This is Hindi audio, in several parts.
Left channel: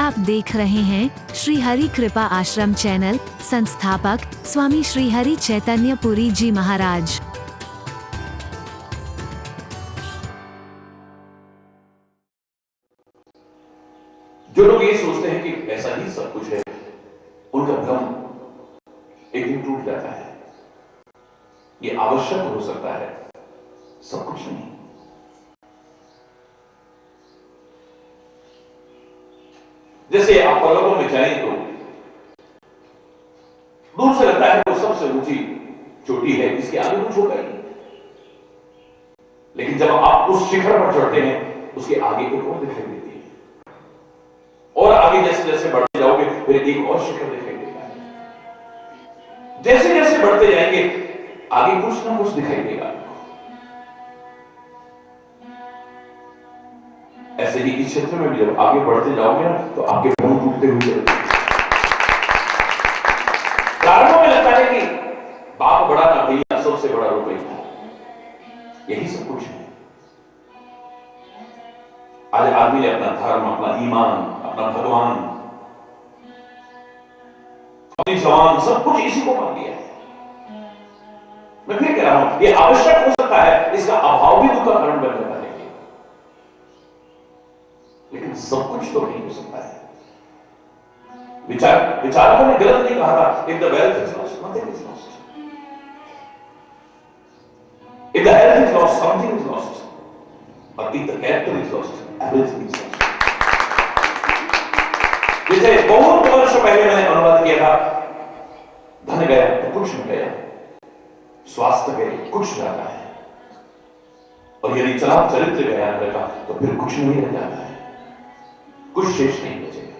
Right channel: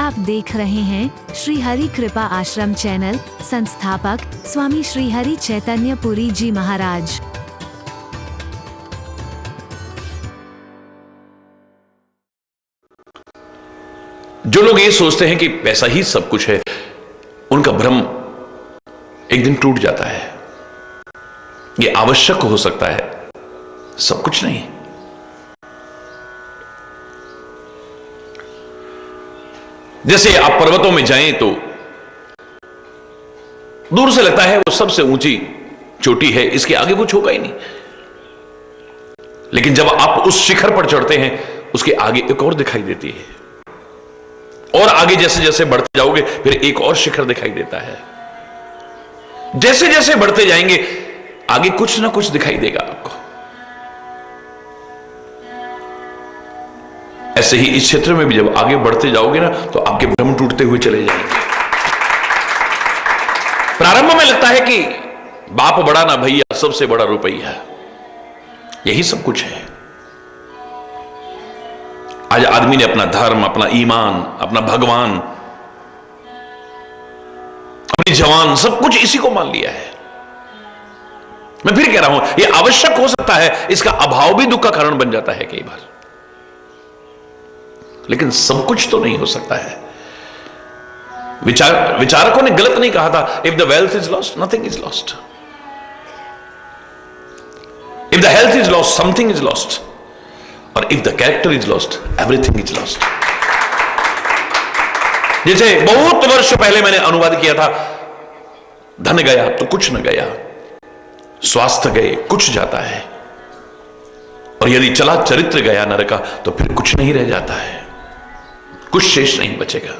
आप देख रहे हैं श्री हरि कृपा आश्रम चैनल। संस्थापक स्वामी श्री हरि चैतन्य पुरी जी महाराज। जो लोग ये सोचते हैं कि पैसा ही सब कुछ है, उनका भ्रम एक दिन टूट जाता है। ये आवश्यक हो सकता है, सब कुछ नहीं। जैसे आप पर्वतों में जाएं तो दूर से लगता है वो सबसे ऊंची चोटी है, इसके आगे कुछ होगा ही नहीं। लेकिन जब आप उस शिखर पर चढ़ते हैं, उसके आगे एक और दिखाई देती है, और आगे जैसे जैसे बढ़ते जाओगे फिर एक और शिखर दिखाई देता है। जैसे जैसे बढ़ते जाएंगे आगे कुछ ना कुछ दिखाई देगा आपको। ऐसे ही इस क्षेत्र में भी जब आगे बढ़ते जाओगे ना, तो आपके भ्रम टूटते हुए चले जाएंगे। प्रारंभ में लगता है कि बाप बड़ा ना भैया, सबसे बड़ा रुपया, यही सब कुछ है। आज आदमी ने अपना धर्म, अपना ईमान, अपना भगवान, अपनी जवान, सब कुछ इसी को मान लिया है। मैं फिर कह रहा हूं, यह आवश्यक हो सकता है, इसका अभाव भी दुख का कारण बन जाता है कई बार, लेकिन सब कुछ तो नहीं हो सकता है। विचारकों ने गलत नहीं कहा था, if the wealth is lost nothing is lost, if the health is lost something is lost, और if the character is lost everything is lost. जैसे बहुत वर्ष पहले मैंने अनुवाद किया था, धन गया तो कुछ न गया, स्वास्थ्य गए कुछ जाता है, और यदि चला चरित्र गया नर का, तो फिर कुछ नहीं रह जाता है, कुछ शेष नहीं बचेगा।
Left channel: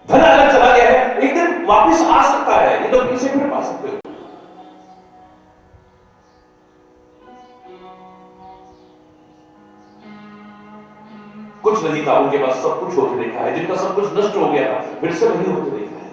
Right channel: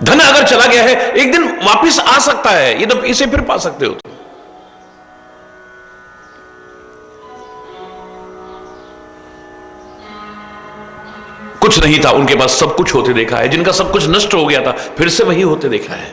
धन अगर चला गया है, एक दिन वापस आ सकता है, ये तो इसे फिर पा सकते हो। कुछ नहीं था, उनके पास सब कुछ होते देखा है। जिनका सब कुछ नष्ट हो गया था, फिर से वही होते देखा है।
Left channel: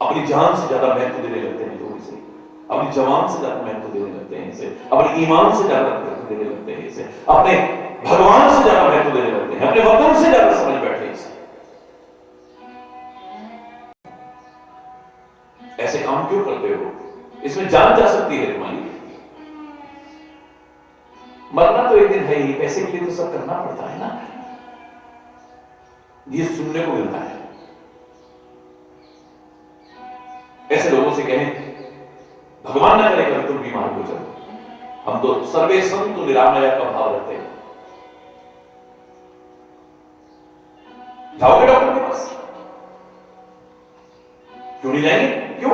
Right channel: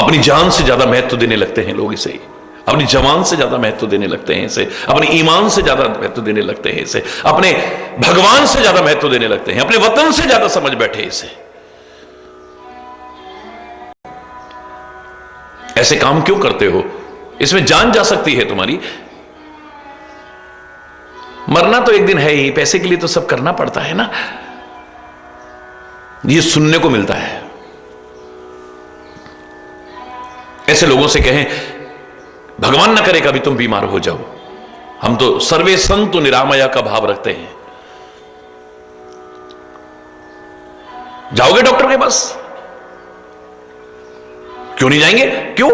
अपनी जान से ज्यादा महत्व देने लगते हैं लोग इसे, अपनी जवान से ज्यादा महत्व देने लगते हैं इसे, अपनी ईमान से ज्यादा महत्व देने लगते हैं इसे, अपने भगवान से ज्यादा महत्व देने लगते हैं, अपने वतन से ज्यादा समझ बैठे इसे। ऐसे काम क्यों करते हो? इसमें जान जा सकती है तुम्हारी। मरना तो एक दिन है ही, पैसे के लिए तो सब करना पड़ता है ना। ये सुनने को मिलता है। ऐसे लोगों से कहें, भगवान ना करे कभी तुम बीमार हो जाओ, हम तो सर्वे संतु निरामया का भाव रखते हैं। जाओगे डॉक्टर के पास? क्यों नहीं जाएंगे? क्यों?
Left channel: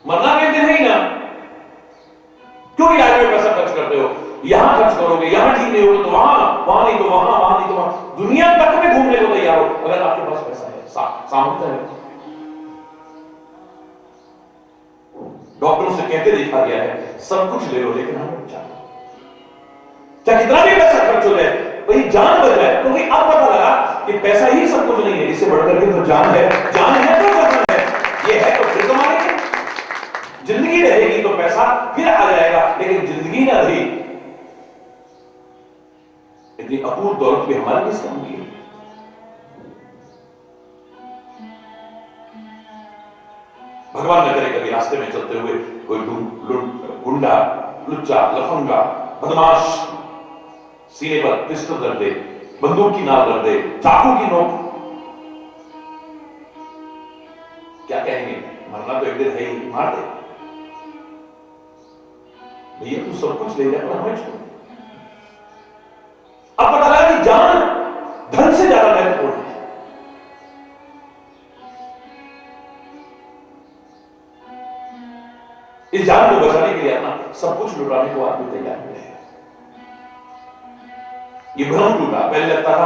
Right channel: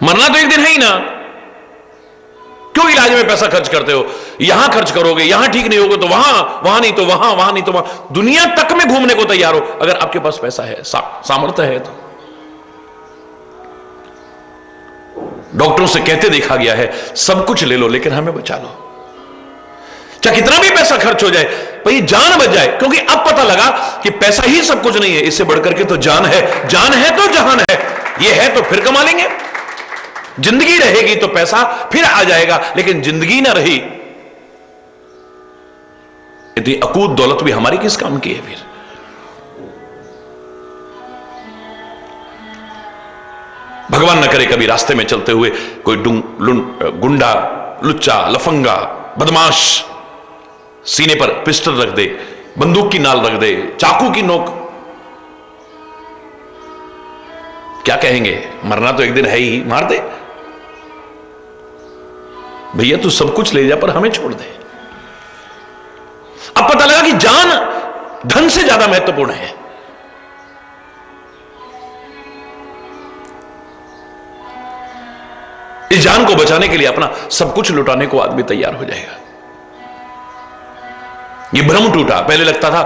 मरना तो एक दिन है ही ना। क्यों इलाज में पैसा खर्च करते हो? यहां खर्च करोगे, यहां ठीक नहीं होगा तो वहां, वहां नहीं तो वहां, वहां नहीं तो वहां, दुनिया तक में घूमने को तैयार हो, अगर आपके पास पैसा है, सामर्थ्य है तो। डॉक्टरों से कहते देखा गया है, सब कुछ ले लो लेकिन हमें बचा लो। चाहे कितना भी पैसा खर्च हो जाए, भाई जान बच जाए, क्योंकि अब पता लगा कि पैसा ही सब कुछ नहीं है, इससे बढ़कर के तो जान है। जान है तो जहान है, ये है तो फिर कमा लेंगे। जिंदगी रहेगी तो पैसा फिर आ जाएगा, लेकिन जिंदगी ना रही, इतनी अकूत दौलत भी हमारी किस काम की है फिर? भगवान न करे कभी रास्ते में चलते हुए कोई गुंडा, लुच्चा, लफंगा, बदमाश सीने पर पिस्टल रख दे, बंदूक की नाल रख दे, चाकू की नोक, क्या कहेंगे? मरना तो एक दिन है ही, मार दे भैया, तू सब कुछ ले जा पर हमें छोड़ दे। अब पता लगा कि जान धन से ज्यादा महत्वपूर्ण है। इस जान को बचाने के लिए अपना सब कुछ लुटाने को आदमी तैयार हो जाएगा। ये भ्रम टूटा। पहले लगता था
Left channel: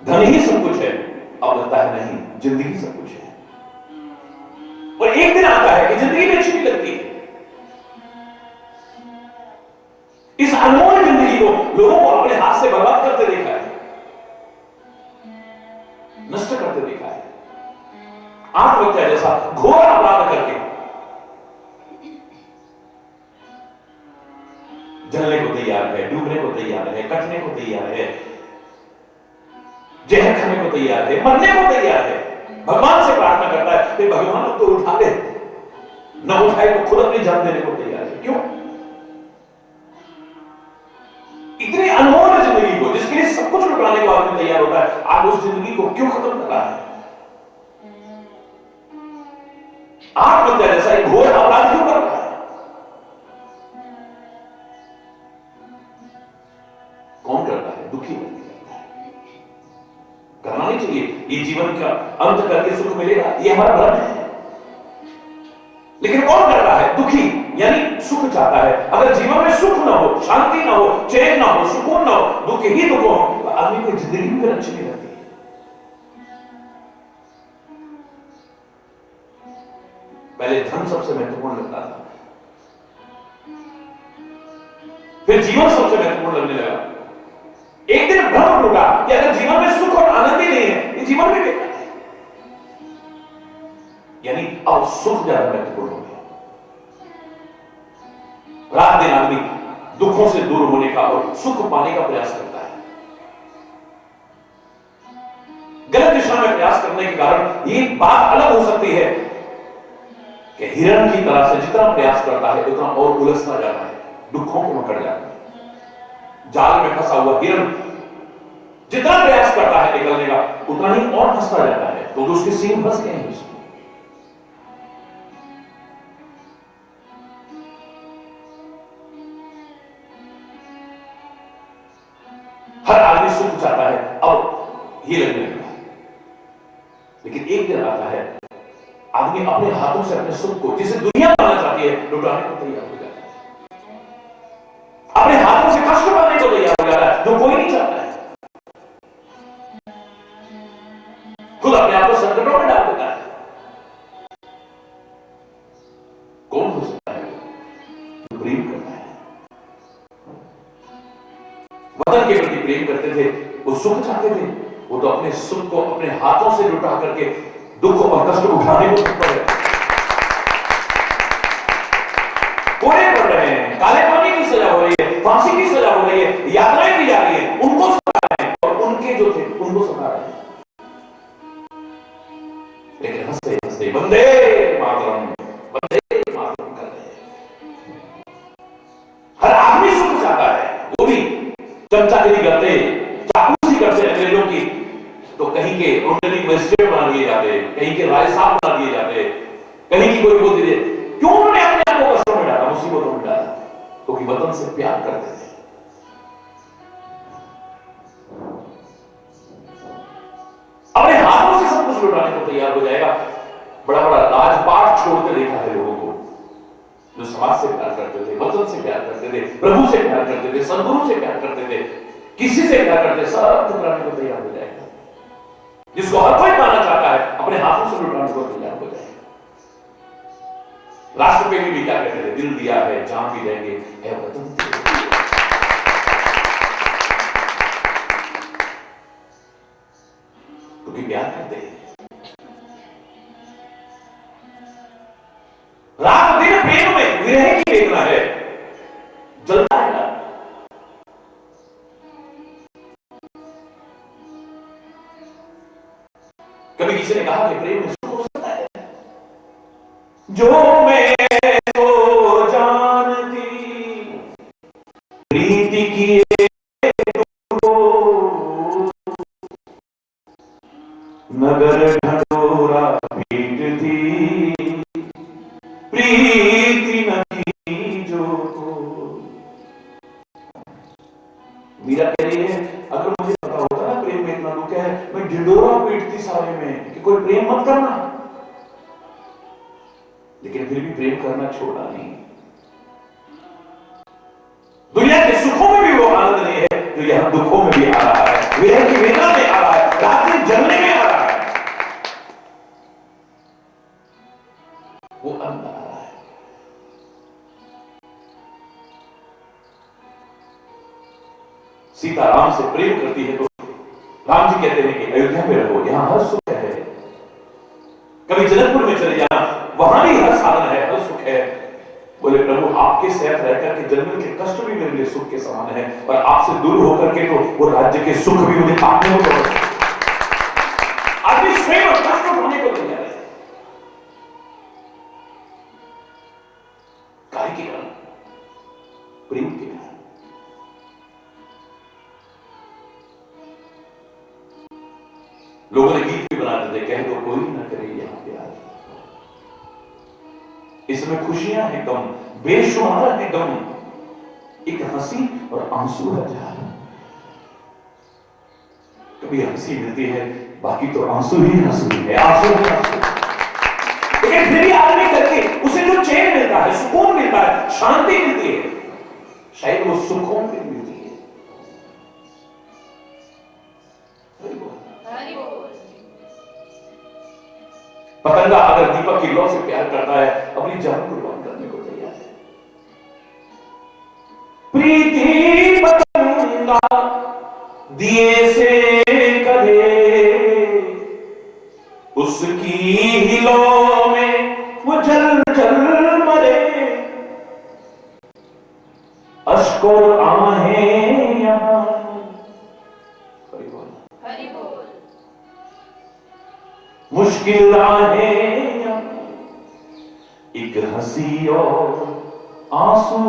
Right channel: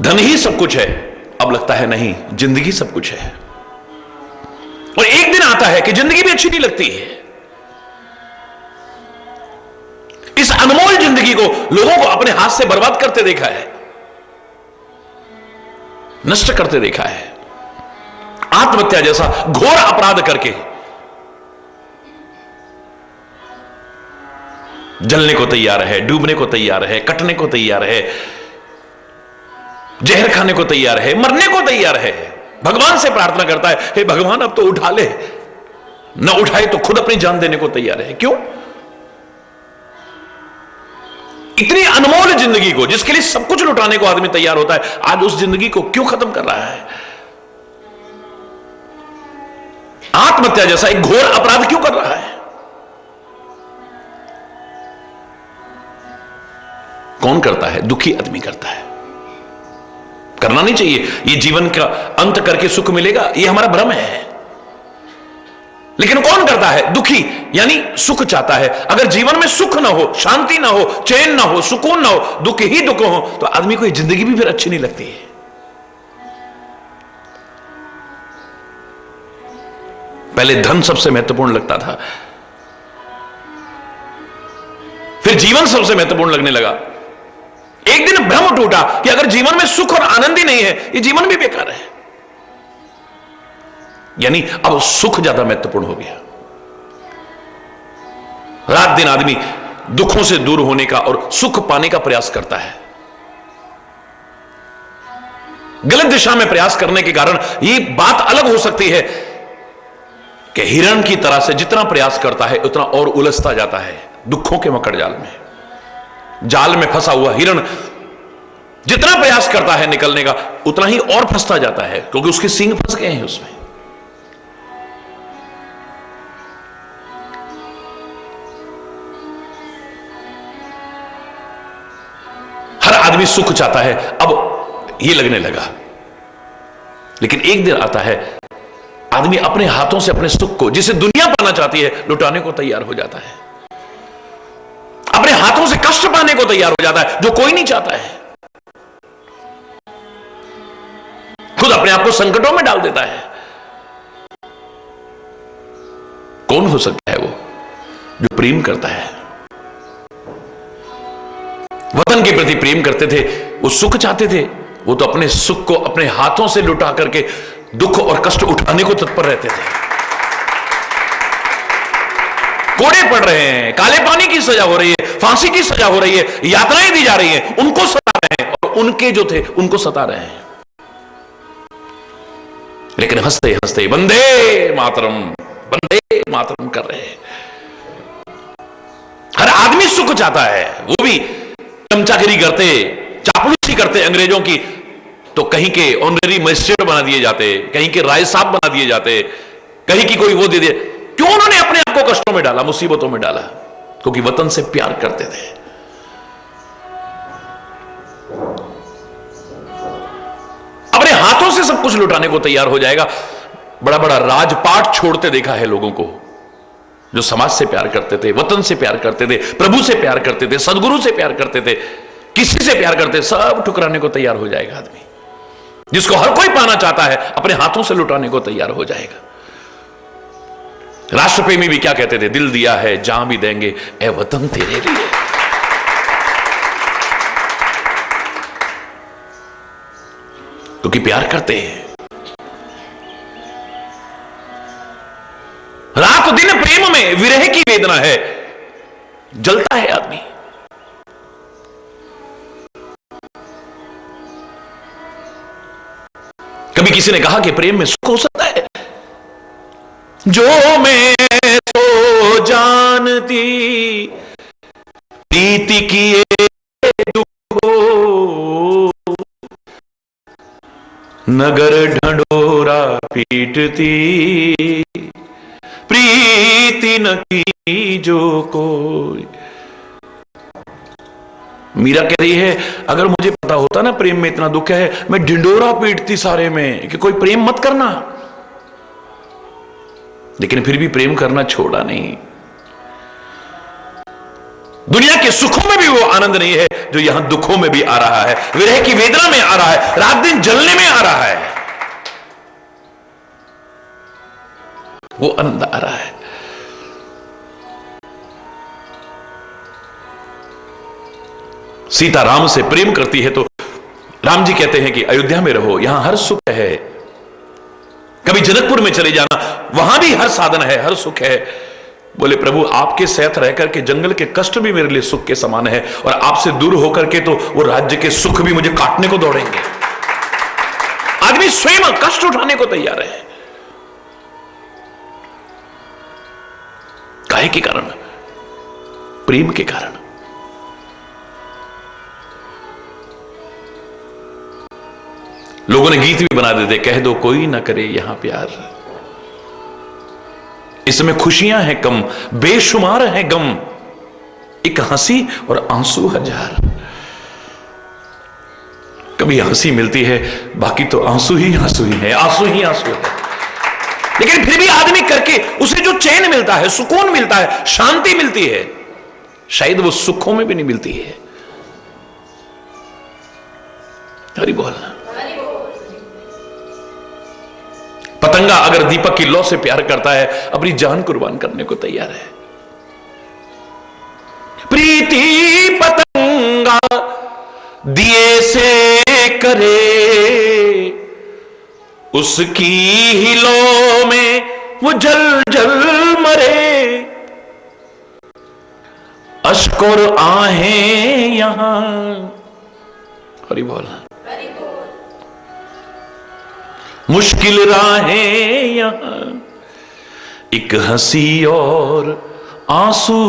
धन ही सब कुछ है, अब लगता है नहीं, जिंदगी सब कुछ है। और एक दिन आता है कि जिंदगी भी अच्छी नहीं लगती है। इस अनमोल जिंदगी को लोगों को अपने हाथ से बर्बाद करते देखा है, नष्ट करते देखा है, आत्महत्या जैसा घोर अपराध करके जलने को तैयार है, डूबने को तैयार है, कटने को तैयार है, जहर खाने को तैयार है, मरने को तैयार है। भगवान से प्रार्थना करता है, हे भगवान अब तो उठा ले। ना उठाए तो खुद अपनी जान देने को तैयार है। क्यों? इतनी अनमोल जिंदगी को, जिसके लिए सब कुछ लुटाने को आदमी तैयार होता है, आज उस जिंदगी को क्यों खत्म कर रहा है? आत्महत्या जैसा एक घोर अपराध क्यों कर रहा है? कौन करता है? दुखी आदमी करता है। करना नहीं चाहिए। ये जीवन का अंत करके सुख मिलेगा, ये हमारा भ्रम है। लेकिन कौन करता है? दुखी, यानी सुख चाहता है। अगर जीवन में सुख ना हो, शांति ना हो, चैन ना हो, सुकून ना हो, दुख ही दुख हो, तो आदमी को ये जिंदगी भी फिर अच्छी नहीं लगती है। पहले धन सबसे महत्वपूर्ण लगता था, फिर जीवन सबसे महत्वपूर्ण लगने लगा। एक दिन भ्रम टूटा कि अगर जीवन में सुख और आनंद ही नहीं है, ये जीवन भी बेकार है। यानी अब सुख ज्यादा महत्वपूर्ण हो गया। रात दिन आदमी दुखों से दूर होने का और सुख पाने का प्रयास करता है। गलत दिशा में प्रयास करने के कारण ये बात अलग हो सकती है कि हिरण की तरह से जितना प्रयास करता है उतना और उलझता जाता है दुखों के मकड़ जाल में। जाल में फंसा हुआ हिरण जितना प्रयास करता है निकलने का, उतना ही और फंसता जाता है, क्योंकि उसके सींग फंस गए हैं उसमें। हर आदमी सुख चाहता है, अब ये लगने लगा। लेकिन एक दिन आता है, आदमी अपने हाथों से अपने सुख को, जिसे दुनिया पाना चाहती है, लुटाने को तैयार हो जाता है। अपने हाथों से कष्ट पाने को तैयार हो जाता है, जो कोई नहीं चाहता है। खुद अपने आप को संकटों में डाल देता है। कौन हो सकता है वो जो प्रेम करता है? वतन के प्रति प्रेम करते थे, वो सुख चाहते थे, वो तो अपने सुख को अपने हाथों से लुटा करके दुख और कष्ट उठाने को तत्पर रहते थे। कोड़े पड़ रहे हैं, काले पानी की सजा हो रही है, फांसी की सजा हो रही है, यातनाएं दी जा रही हैं, उनको सता रहे हैं और उनके जो थे उनको सता रहे हैं। लेकिन हंसते हंसते वंदे मातरम कर रहे हैं। हर आदमी सुख चाहता है, वो भी चमचागिरी करते, चापलूसी करते अंग्रेजों की, तो कहीं के ऑनरेरी मजिस्ट्रेट बना दिए जाते, कहीं के राय साहब बना दिए जाते, कहीं की कोई वो दे दिए। क्यों उन्होंने अपने आप को कष्टों में डाला, मुसीबतों में डाला? क्योंकि वतन से प्यार करते थे। अपने हाथों से सब कुछ लुटाने को तैयार हो जाएगा। बड़ा बड़ा राजपाट छोड़ते देखा है लोगों को, जो समाज से प्यार करते थे, वतन से प्यार करते थे, प्रभु से प्यार करते थे, सदगुरु से प्यार करते थे, किसी से प्यार करते, सब ठुकराने को तैयार हो जाएगा आदमी। जिसको हर कोई पाना चाहता है, अपने हाथों से लुटाने को तैयार हो जाएगा। राष्ट्रप्रेमी भी क्या कहते थे? दिल दिया है जान भी देंगे ए वतन तेरे लिए। क्योंकि प्यार करते हैं। रात दिन प्रेम में विरह की वेदना है, जलता है आदमी। कभी किसी ने कहा कि प्रेम में सुख हो सकता है। जो मैं तो जानती प्रीति किए दुख हो, नगर ढंढोरा पीटती प्रीति न की जो कोई। मीरा कह रही है, अगर मुझे पता होता ना प्रेम में इतना दुख है, मैं ढिंडोरा पीटती सारे में कि कोई प्रेम मत करना। लेकिन फिर भी प्रेम करना छोड़ा नहीं। दुनिया के सुखों में भी वो आनंद नहीं है जो यहां दुखों में भी आ रहा है, विरह की वेदना में आ रहा है, रात दिन जलने में आ रहा है, वो आनंद आ रहा है। सीता राम से प्रेम करती है तो राम जी कहते हैं कि अयोध्या में रहो, यहां हर सुख है। कभी जनकपुर में चले जाना, वहां भी हर साधन है, हर सुख है। बोले प्रभु आपके साथ रह करके जंगल के कष्ट भी मेरे लिए सुख के समान है, और आपसे दूर होकर के तो वो राज्य के सुख भी मुझे काटने को दौड़ेंगे। आदमी स्वयं कष्ट उठाने को तैयार है। काहे के कारण? प्रेम के कारण। लोगों ने गीत भी बना देते, कह दो कोई ना करे यहां प्यार, इसमें खुशियां हैं कम, बेशुमार है गम, एक हंसी और आंसू हजार। कभी हंसी मिलती है, बाकी तो आंसू ही आंसू ही है, आंसू ही आंसू है। लेकिन फिर भी आदमी करके उसे जो चैन मिलता है, सुकून मिलता है, शांति मिलती है, शायद वो सुखों में भी नहीं मिलती है। हरि बोल। पतंगा अगर दीपक की लौ से प्यार करता है, अपनी जान कुर्बान करने को तैयार है। प्रीति पतंगा दिए से करे, उसकी ही लौ में वो जल जल मरे, अश्क और आहें यहां। हरि बोल। मुश्किल राहें यहां, एक हंसी और आंसू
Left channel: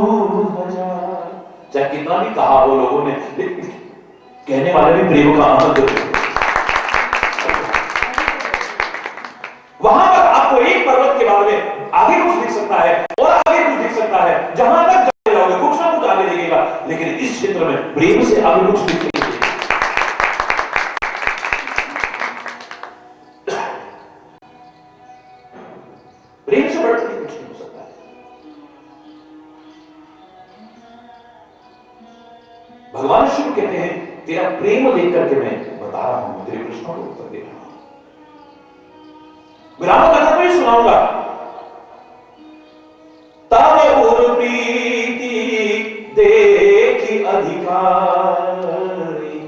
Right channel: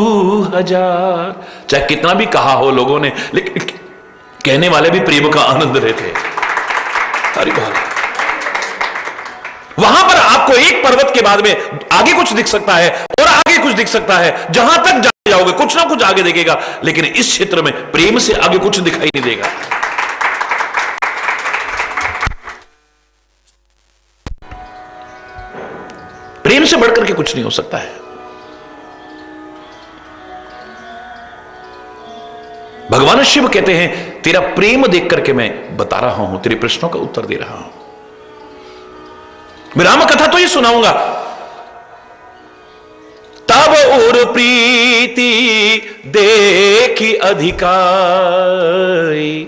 हजार। चाहे कितना भी कहा हो लोगों ने, लेकिन कहने वाले भी प्रेम का आनंद लेते। वहां पर आपको एक पर्वत के बाद में आगे कुछ दिख सकता है और आगे कुछ दिख सकता है, जहां तक जाओगे कुछ ना कुछ आगे दिखेगा, लेकिन इस क्षेत्र में प्रेम से आगे कुछ दिखाई नहीं देगा। प्रेम से बढ़कर के कुछ नहीं हो सकता है। भगवान शिव कहते हैं तेरा प्रेम देख करके मैं बता रहा हूं, तेरे प्रश्नों का उत्तर दे रहा हूं। मैं राम कथा तो ही सुनाऊंगा। तब और प्रीति देखी अधिकारी,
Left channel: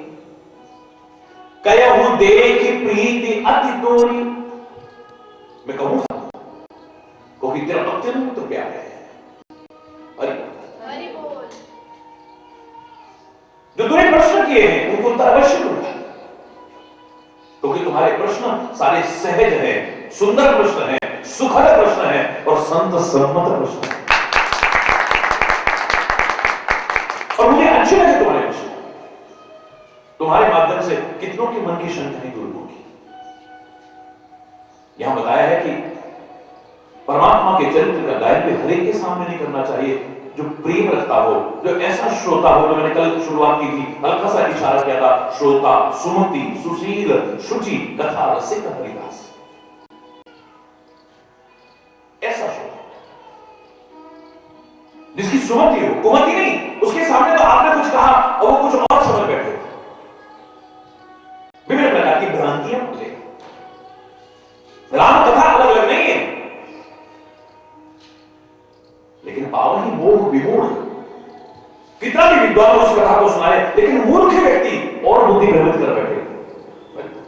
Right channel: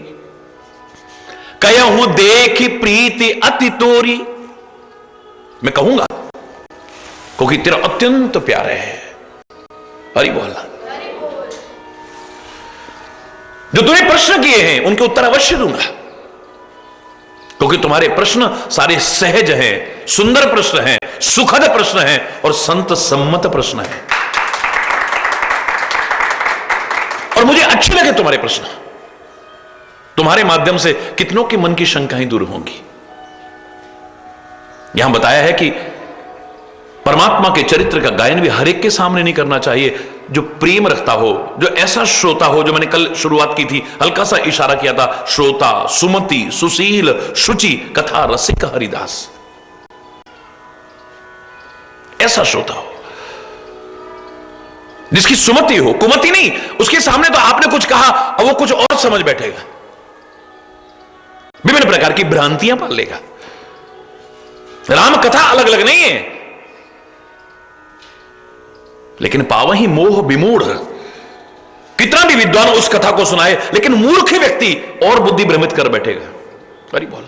कहूं देखी प्रीति अति तोरी। मैं कहूंगा क्योंकि तेरा अत्यंत प्यार है। हरि बोल। जो तूने प्रश्न किए हैं उनके उत्तर अवश्य दूंगा, क्योंकि तुम्हारे प्रश्न सारे सहज हैं, सुंदर प्रश्न हैं, सुखद प्रश्न हैं और संत सम्मत प्रश्न हैं। और मुझे अच्छे लगे तुम्हारे प्रश्न। तुम्हारे माध्यम से कितनों के मन की शंकाएं दूर होंगी। यहां बताया है कि परमात्मा के चरित्र का गायन भी हर एक के सामने नहीं करना चाहिए। जो प्रेम रखता हो, जो ऐसा श्रोता हो, जो मैंने कल शुरुआत की थी, हल्का सा इशारा किया था, श्रोता, सुमति, सुशील, शुचि, कथा रसिक हरिदास, ऐसा श्रोता हो जिसकी सुमति हो, कुमति नहीं। उसके सामने तो आपने कुछ कहा और वो कुछ और समझ बैठेगा, विभिन्न प्रकार की भ्रांतियां पाल लेगा। राम कथा अलग अलग नहीं है, लेकिन पावही मोह विमूढ़। कितना भी विद्वान उस कथा को सुनाए, लेकिन मूर्ख व्यक्ति और बुद्धि भ्रमित कर बैठेगा। हरि बोल।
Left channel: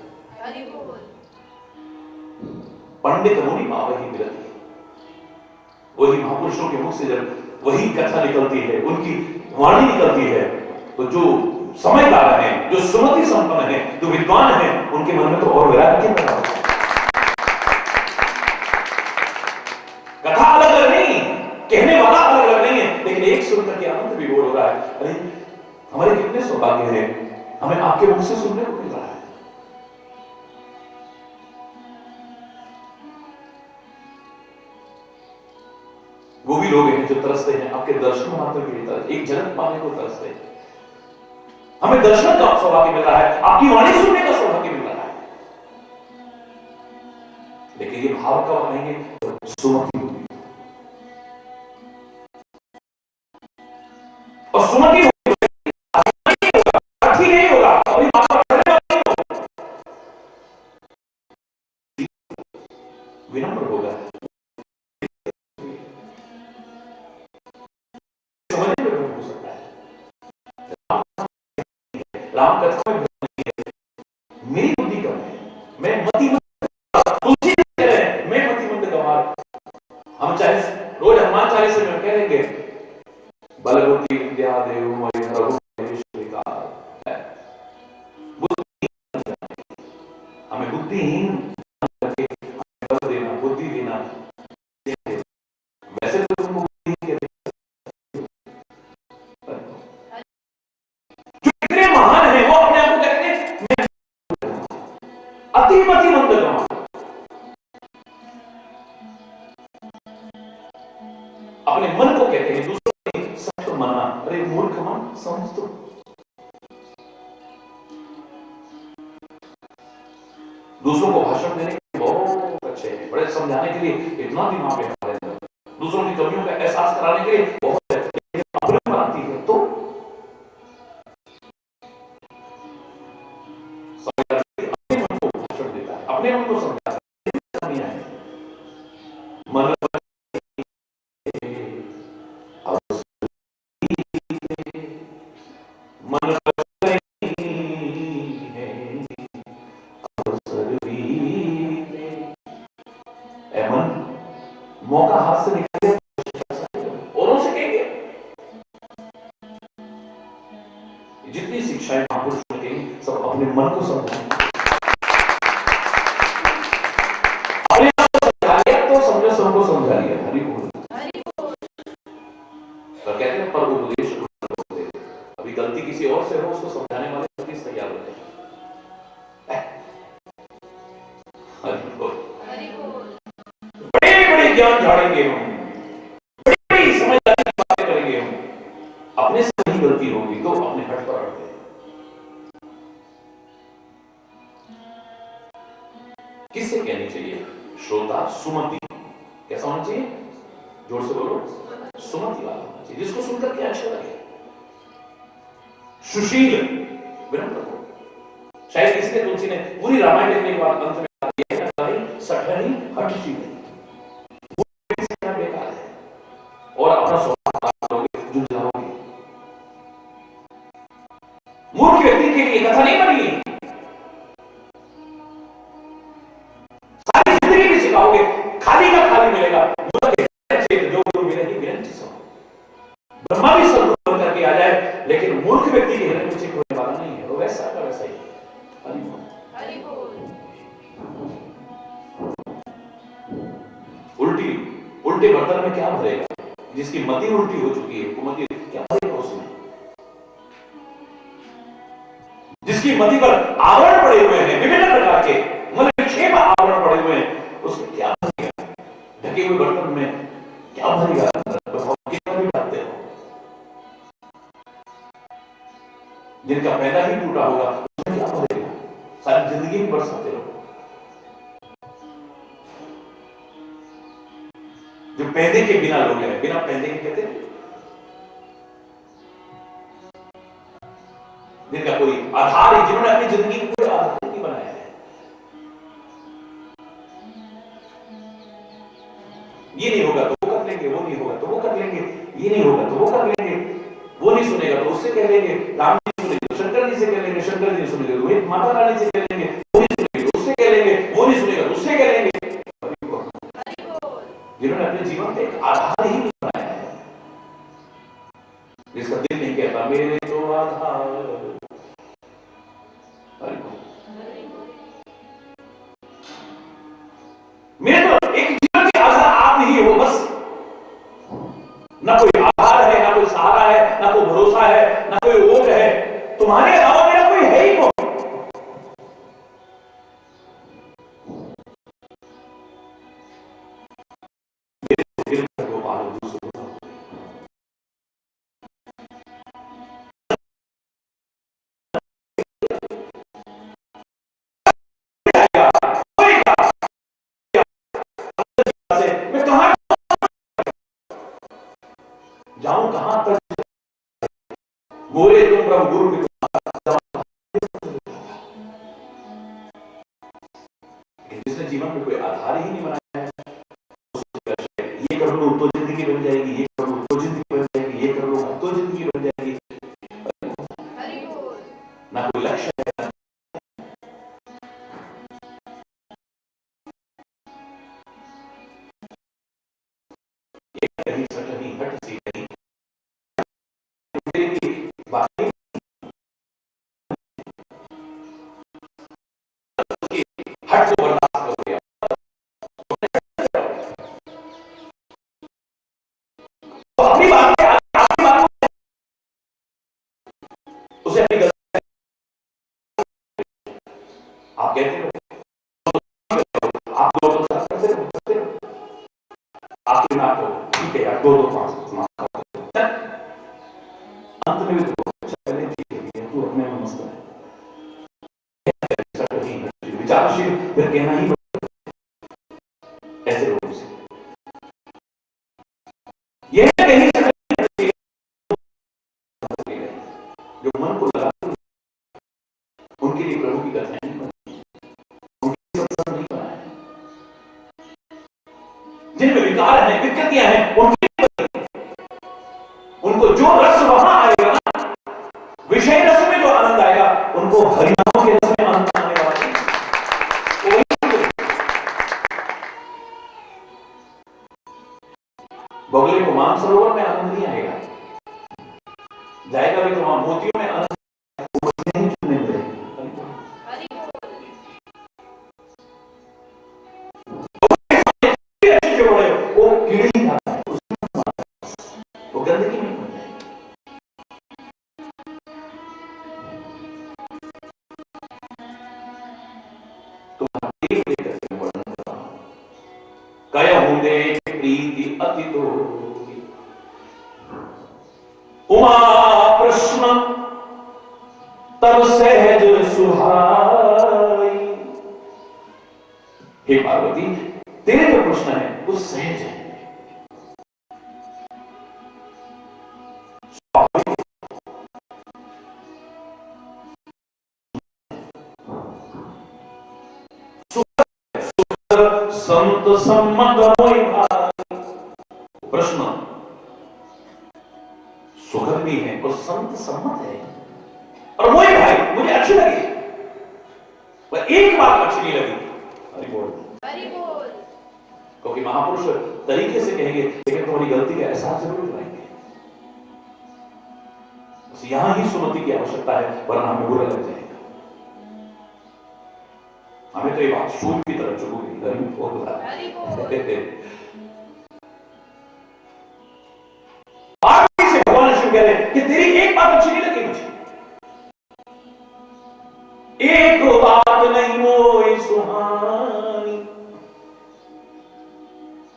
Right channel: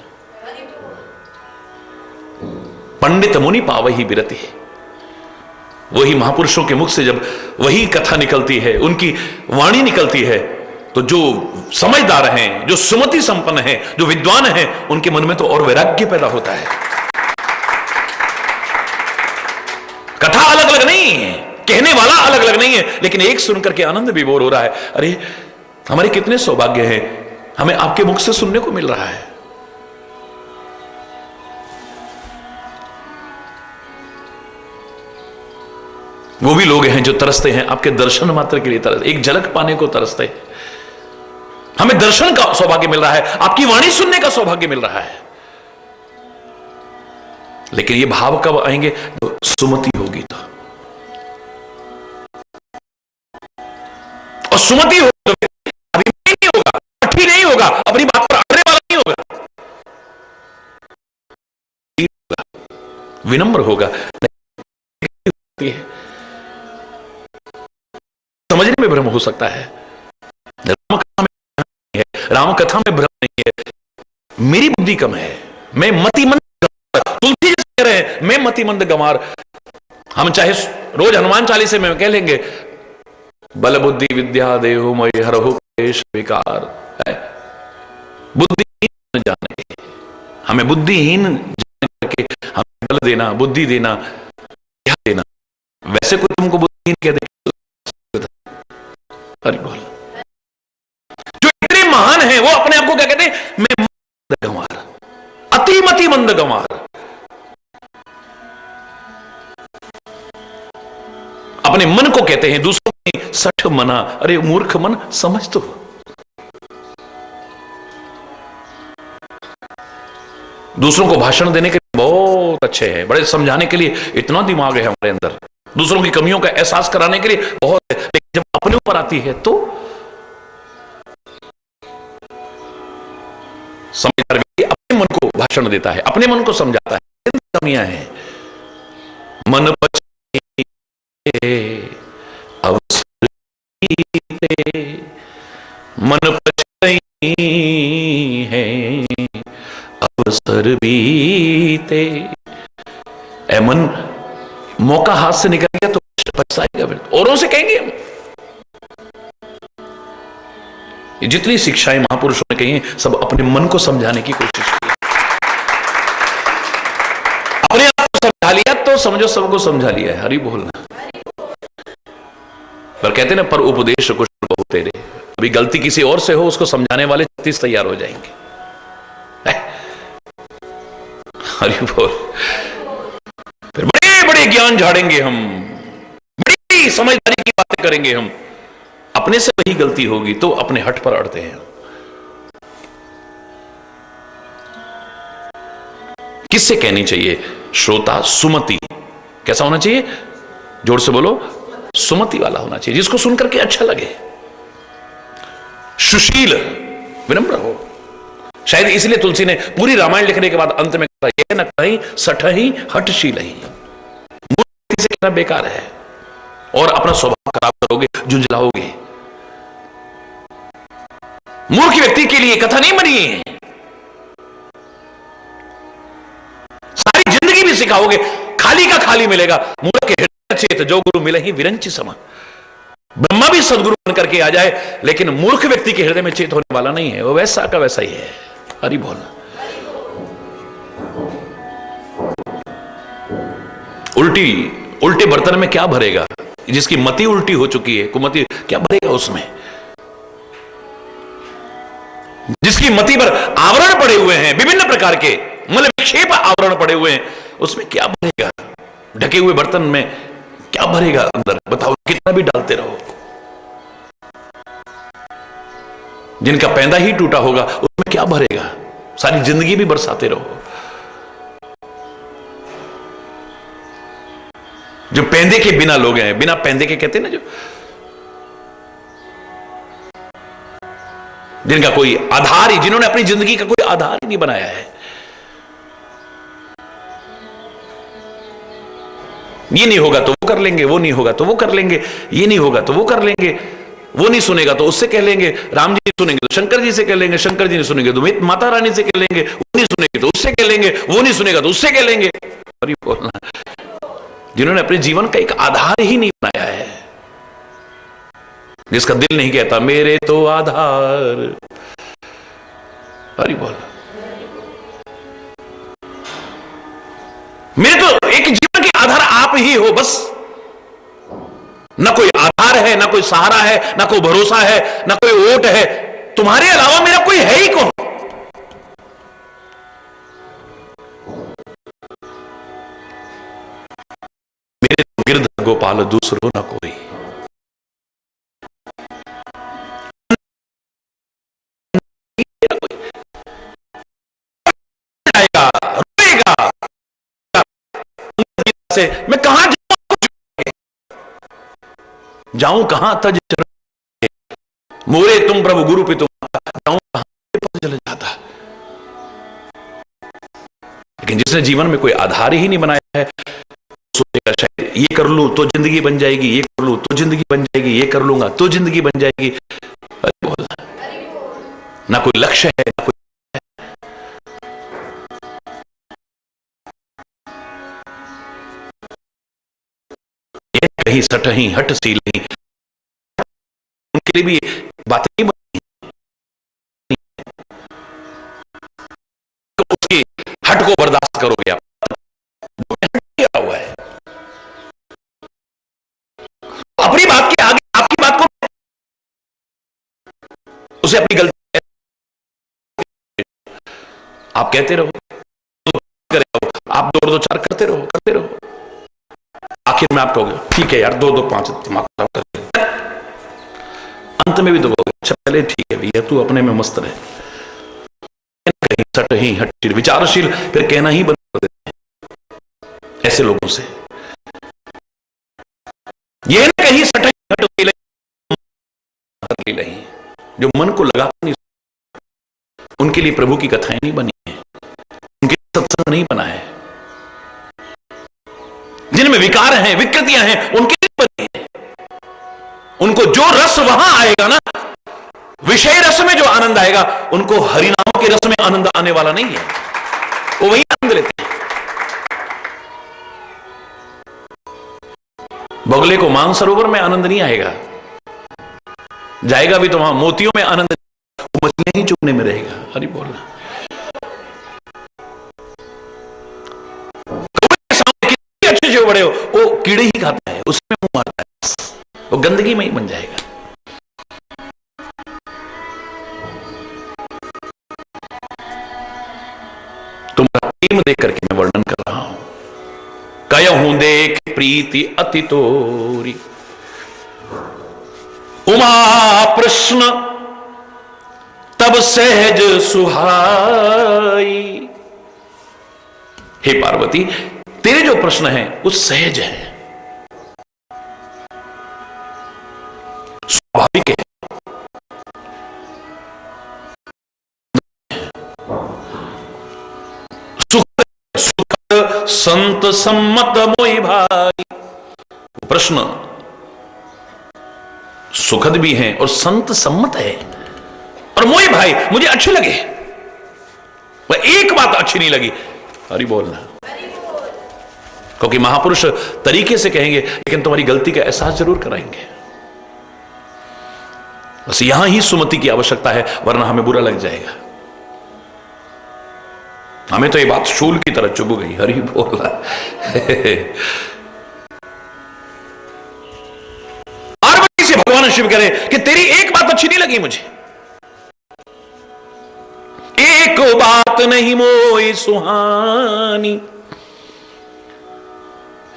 पंडित मुनि पावही विरति। वही महापुरुषों के मुख से जब वही कथा निकलती है, उनकी वाणी निकलती है, तो जो समझदार हैं, जो सुमति संपन्न हैं, जो विद्वान हैं, उनके मन में तो और वैराग्य पैदा होता है। कथा अलग अलग नहीं है, कहने वाला अलग अलग नहीं है, लेकिन एक सुनकर के आनंद विभोर हो रहा है। अरे हमारे कितने सौभाग्य हैं, हमें आपके मुख से सुनने को मिल रहा है। वो भी लोग हैं जो तरसते हैं आपके दर्शन मात्र के लिए, तरसते, एक झलक पाने को तरसते हैं। हमें दर्शन का सौभाग्य मिल रहा है, आपकी वाणी सुनने का सौभाग्य मिल रहा है, लेकिन ये भाव कब आएंगे? तो सुमति होगी तो। और सुमति होगी तो अभिमानी नहीं होगा, कठी नहीं होगा, अपनी बात पर अड़ने वाला नहीं होगा, विनम्र होगा। समझने में भ्रम हो सकता है, राम कथा में भ्रम नहीं है। मेरी बुद्धि कम है, मैं मतिमंद, तुलसी कह रहे हैं मैं मतिमंद गंवार। हम चाहे रोज हनुमान चालीसे में कह लेंगे, बल बुद्धि विद्या देहु मयि हरहु क्लेश विकार। बुद्धिहीन जाने, हमें बुद्धिहीन जान करके हमें बल देना, बुद्धि देना, क्या देना। वैसे कोई तुमको बुद्धिहीन कह दे, हरि बोल। जो इतने महान है वो अपने आप को क्या कहते हैं, मैं मंद गंवार, अतिमति मंद गंवार। अपने मन को कहते हैं, दूसरों को सठ मना। अरे मूर्ख मन, समझ तो। दूसरों को भाषण देने के लिए बहुत अच्छे हैं, बड़े समझाने के लिए इतना दिमाग है हमारे अंदर, दूसरों की कमियों का एहसास कराने के लिए बहुत है, लेकिन जब अपने ऊपर आती है तो समझदार व्यक्ति अपने मन को भाषण देता है, अपने मन को समझाता है। कमियां हैं, मन अवसर बीते, मन पछताई है अवसर बीते। ए मन, मौका हाथ से निकल गया तो पछताएगा, फिर औरों से कहेंगे हम। जितनी शिक्षाएं महापुरुषों ने कही हैं, सब अपने मन को समझाने की कोशिश की। अपने आप को समझा लिया तो समझो सबको समझा लिया है। हरि बोलना। पर कहते ना, पर उपदेश कुछ बहुत तेरे। अभी गलती किसी और से हो, उसको समझाने वाले 36 तैयार हो जाएंगे। हरि बोल। फिर बड़े बड़े ज्ञान झाड़ेंगे हम, बड़ी समझदारी की बातें करेंगे हम। अपने से वही गलती होगी तो अपने हट पर अड़ते हैं। किससे कहनी चाहिए? श्रोता सुमति। कैसा होना चाहिए? जोर से बोलो, सुमति वाला होना चाहिए, जिसको सुनकर के अच्छा लगे। सुशील, विनम्र हो। शायद इसलिए तुलसी ने पूरी रामायण लिखने के बाद अंत में कहा, ये न कहीं सठही हठशील ही। मूर्ख से कहना बेकार है, और अपना स्वभाव खराब करोगे, झुंझलाओगे। मूर्ख व्यक्ति के लिए कथा नहीं बनी है। सारी जिंदगी भी सिखाओगे, खाली का खाली मिलेगा। मूर्ख के हृदय चेत जो गुरु मिले ही विरंची समा। ब्रह्मा भी सदगुरु बनकर के आ जाए, लेकिन मूर्ख व्यक्ति के हृदय में चेत होने वाला नहीं है, वो वैसा का वैसा ही है। हरि बोल। उल्टे बर्तन में क्या भरेगा? जिसकी मति उल्टी हो चुकी है, कुमति, क्या भरेगा उसमें? जिसकी मति पर आवरण पड़े हुए हैं, विभिन्न प्रकार के मल विक्षेप आवरण पड़े हुए हैं, उसमें क्या भरेगा? ढके हुए बर्तन में क्या भरेगा अंदर? बताओ, कितना भी डालते रहो। जिनका पैंदा ही टूटा होगा, उसमें क्या भरेगा? सारी जिंदगी भी बरसाते रहो। जो पैंदे के बिना लोग हैं, बिना पैंदे के कहते हैं ना, जो जिनका कोई आधार ही, जिन्होंने अपनी जिंदगी का कोई आधार ही नहीं बनाया है। ये नहीं होगा तो वो कर लेंगे, वो नहीं होगा तो वो कर लेंगे, ये नहीं होगा तो वो कर लेंगे, वो नहीं सुनेगा तो उससे कह लेंगे, राम जी सुनेंगे तो शंकर जी से कह लेंगे, शंकर जी नहीं सुनेंगे तो माता रानी से कह लेंगे, वो नहीं सुनेंगे तो उससे कह लेंगे, वो नहीं सुनेगा तो उससे कह लेंगे। अरे बोलना, जिन्होंने अपने जीवन का एक आधार ही नहीं बनाया है, जिसका दिल नहीं कहता मेरे तो आधार। अरे बोल, मेरे तो एक जीवन के आधार आप ही हो बस। ना कोई आधार है, ना कोई सहारा है, ना कोई भरोसा है, ना कोई वोट है। तुम्हारे अलावा मेरा कोई है ही कौन? मेरे तो गिरधर गोपाल दूसरो ना कोई। मैं कहां जाऊं, कहां तज मोरे तुम प्रभु गुरु पे तुम जाऊं कहां चले जाता। लेकिन जिसने जीवन में कोई आधार ही नहीं बनाया है, सोचेगा शायद ये कर लूं तो जिंदगी बन जाएगी, ये कर लूं तो जिंदगी बन जाएगी, ये कर लूंगा तो जिंदगी बन जाएगी। ना कोई लक्ष्य है, ना कोई कहीं सटही हट सी नहीं, उनके लिए भी बात नहीं बनती। उसकी हट को बर्दाश्त करोगे आप, क्या हुआ है अपनी बात के आगे आपकी बात को, उसे अपनी गलती आप कहते रहो, आप 2 और 2 4 करते रहो, आखिर में आप कहोगे ठीक है यार 2 2 5 दिमाग कर, अंत में भी तो बोलोगे चले ठीक है भैया तू अपने में मस्त रहे, सट ही हट विचारशील फिर कहना ही बंद कर देते हैं ऐसे लोगों से। ये कहीं सट ही नहीं, जो मन को लगा नहीं, उनके लिए प्रभु की कथाएं नहीं बनी है, उनके लिए सत्संग नहीं बना है, जिनमें विकार हैं विकृतियां हैं उनके लिए बनी है। उनको जो रस वहां आएगा ना, विषय रस में जो आनंद आएगा, उनको हरिनाम के रस में आनंद आने वाला नहीं है, वो वही आनंद लेते हैं। बगले को मानसरोवर में आनंद नहीं आएगा, जाएगा भी तो वहां मोतियों में आनंद, मछलियां ही चुगने में रहेगा। हरि बोलना, अच्छे जो बड़े हो वो कीड़े ही खाता है, उसमें वो मारता है, वो गंदगी में ही बन जाएगा। तुम्हारा प्रेम देख करके मैं वर्णन कर रहा हूं, कयहूं देख प्रीति अति तोरी, उमा प्रश्न तब सहज सुहाई। हे पार्वती तेरे जो प्रश्न है वो सहज है, स्वाभाविक है, सुखद संत सम्मत मोहि भाई। प्रश्न सुखद भी है और संत सम्मत है, और मोहि भाई मुझे अच्छे लगे, वह एक बात अच्छी नहीं लगी, हरि बोलना, क्योंकि महापुरुष तरीके से कहेंगे लेकिन तुम्हारी गलती का एहसास जरूर कराएंगे। बस यहां ही सुमति की आवश्यकता है, वरना हमें बुरा लग जाएगा। हमें तो ये बात शूल की तरह चुभ गई, हरि बोला। पार्वती से भगवान शिव कह रहे कि तेरी एक बात अच्छी नहीं लगी मुझे, एक बात नहीं मोई सुहानी,